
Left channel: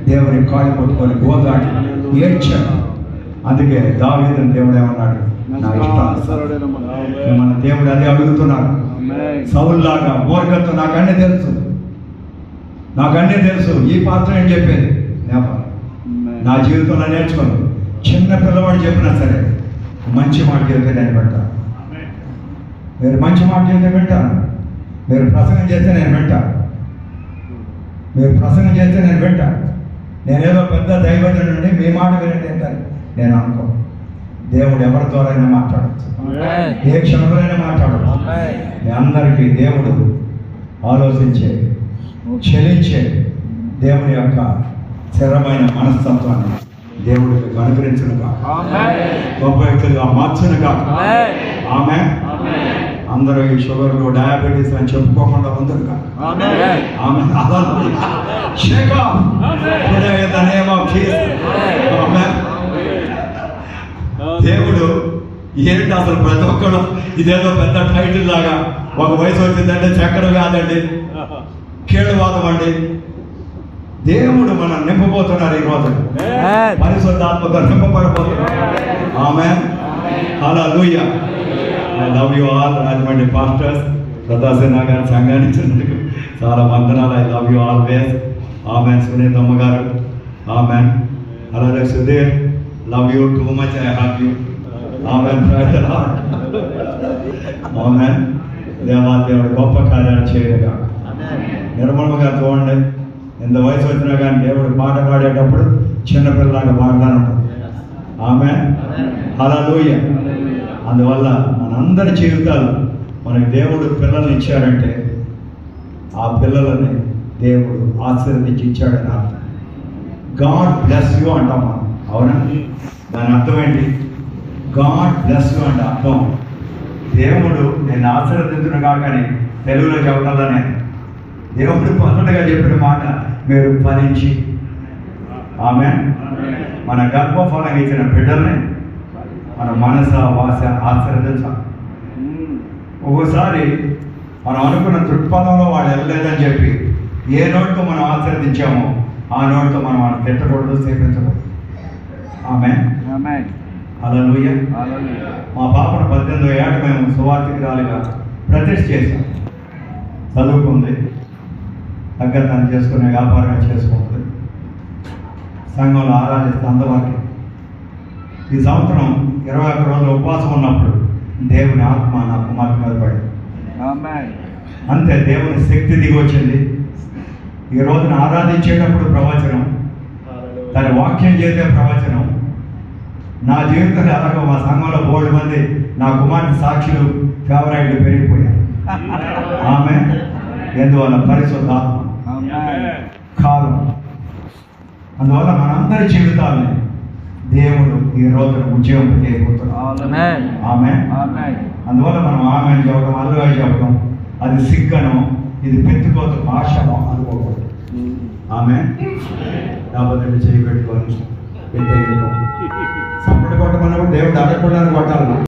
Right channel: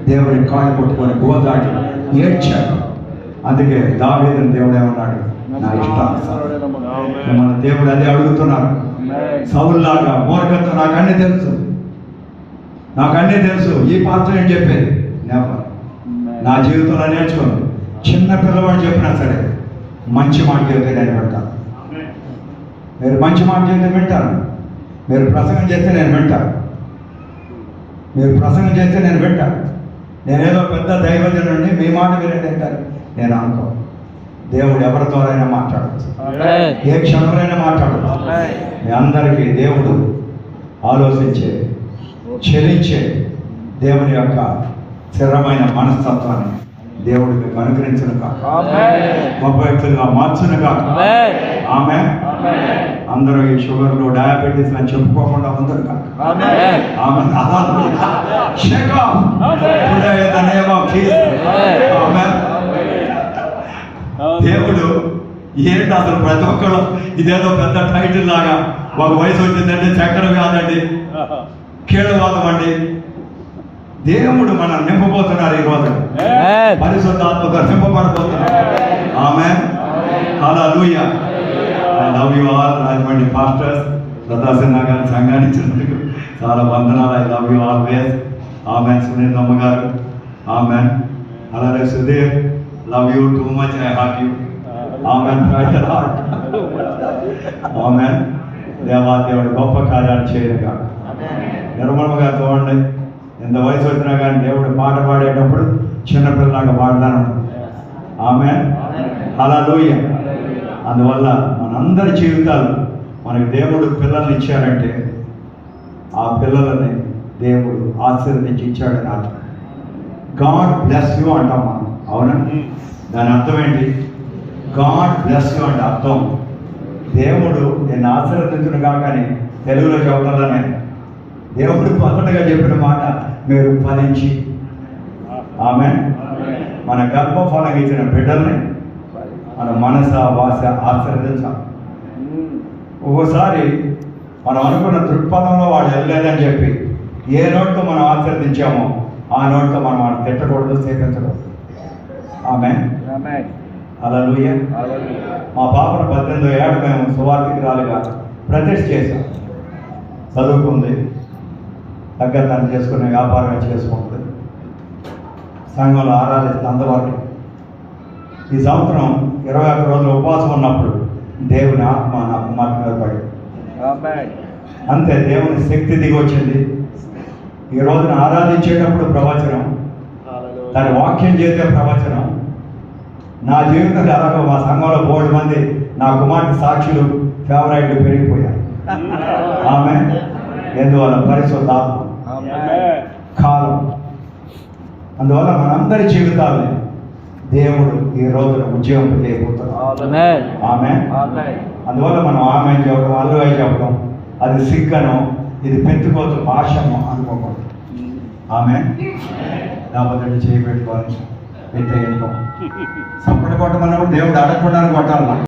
దేవుని కాళ్ళు కొట్టుకొని గోదాడి ఏడ్చాడు. అందుకే దావీదుని దేవుడు ఏమన్నాడు, నా ఇష్టానుసారం. మన దేవుడు అదే అడుగుతున్నాడు. సౌలులాగా మూర్ఖత నాకన్నీ తెలుసు, ఈ పాత్ర ఏం చెప్పేది నా జీవితంలో నేర్చుకోండి. చిన్న పిల్లవాడు చెప్పినా సరే మంచి మాట చెబితే నేను వింటాను. మీరు మంచి మాట చెబితే వింటాను. మీరు ప్రసంగం చేస్తే నేను వింటాను. నేనేదో పెద్ద దైవజనుడి నుండి మీ మాట వినండి అంటారు నేను అనుకో. దేవుడు ఎవరి ద్వారా అయినా మాట్లాడచ్చు, ఏ క్షణంలోనైనా మాట్లాడచ్చు. మీ అందరికీ దేవుడు ఆలోచించే, చెలించే దేవుని యొక్క స్థిరమైన మనస్తత్వాన్ని దేవుడికి అనుగ్రహించును కాక, గొప్ప వ్యక్తులుగా మార్చును కాక. ఆమె అందరూ ఈ షుగర్లు, డయాబెటీస్ అని చెప్పుకోకుండా ఉందరు కాక. దేవుడు ఏంటి అసలు ప్రతి ఒక్కడు ఇదేదో పెద్ద టైటిల్ లాగా, ఒక వయసు వచ్చిందంటే చక్కెర కాదండి, కీళ్ళవాదం అండి. దేవుడు మనం నింపబోతున్నారు. ఈ రోజు పరిశుద్ధాత్మగా నింపబడబోతున్నారు. ఆమేన్. హల్లెలూయా. I love you all. Rajahmundry pastors, Sadasiva గారి సంఘాన్ని ఇచ్చినందుకు చాలా వందనాలు. I love you always. ఆమెన్. సునీతమ్మ గారు, ఆమెన్. అలాగే Sudheer, love you too much, I heart you. ఆమెన్. ఆమెన్. దేవాదేవుడు గొప్ప కార్యాలు చేయరుగా. నిర్మలమ్మ గారు చూడండి, ఎంత వయసు వచ్చినా కానీ దేవుడు పాట పాడేటప్పుడు చిన్నపిల్లలాగా పాడతాను. ఆమెన్. హల్లెలూయా. అందువల్ల మనందరి జీవితాలు మనకి దేవుడు పిల్లల్ని ఇచ్చారంటే ఆ పిల్లలని దేవుడు ఆశీర్వదించి ఇచ్చాడని అర్థం. గాడ్ బ్లెస్ యూ అంటాం మనం, అవునా? దాని అర్థం ఏంటి? గాడ్ బ్లెస్ యూ అంటే అర్థం దేవుడు నేను ఆశీర్వదించును కాకని తెలుగులో చెబుతాను నేను. దేవుడు మొదటగా చెప్పిన మాట, మీరు ఫలించి. ఆమేన్. మన గర్భఫలం ఇచ్చిన బిడ్డల్ని మన మనస వాస ఆశీర్వదించాలి. ఒక్కోసారి మనం అనుకున్న దృక్పథంలో వాళ్ళు వెళ్ళలేదని చెప్పి ఏ నోటితో మనం ఆశీర్వదించామో ఆ నోటితో మనం వాళ్ళు తిట్టకూడదు, సేపించకూడదు. ఆమేన్. హల్లెలూయా. మా పాపను 18వ ఏట మేము సువార్థికురాలుగా ప్రతిష్ఠ చేశాం. చదువుకుంది, తగ్గ తను చేసుకునే వ్యాపారంగా చేసుకుంటుంది, సంఘంలో ఆరాధిస్తే అందవరకు. ఈ సంవత్సరం 21 రోజులు ఉపవాసం ఉన్నప్పుడు దేవుని ఆత్మ నా కుమార్తె మీద పడింది. అంతే, దేవుని శక్తి దిగి వచ్చింది. ఈ రోజున ఆరాధించేటప్పుడు ప్రవచనం, దాని వాక్యం చేసే ప్రవచనం. నా జీవితంలో ఎలాగో మా సంఘంలో 3 మంది నా కుమార్తె సాక్షులు, ఫేవరైట్లు పెరిగిపోయారు. ఆమె ఎందువల్ల పరిశుద్ధాత్మ కాలం. అందువల్ల మనందరి జీవితాలని దేవుడు ఈ రోజున ఉద్యోగం చేయబోతున్నాడు. ఆమె. అందువల్ల మనం ఆమె చెప్పడం, అల్లుగా చెప్పడం అది సిగ్గను, ఇది పెట్టుకోవద్దు, భాషను అనుకోకూడదు. ఆమె. లేకపోతే చేయబెట్టుకోవాలి, సప్పుడు కొట్టమన్నప్పుడు దేవుడు అడగకుండా కొట్టాలి.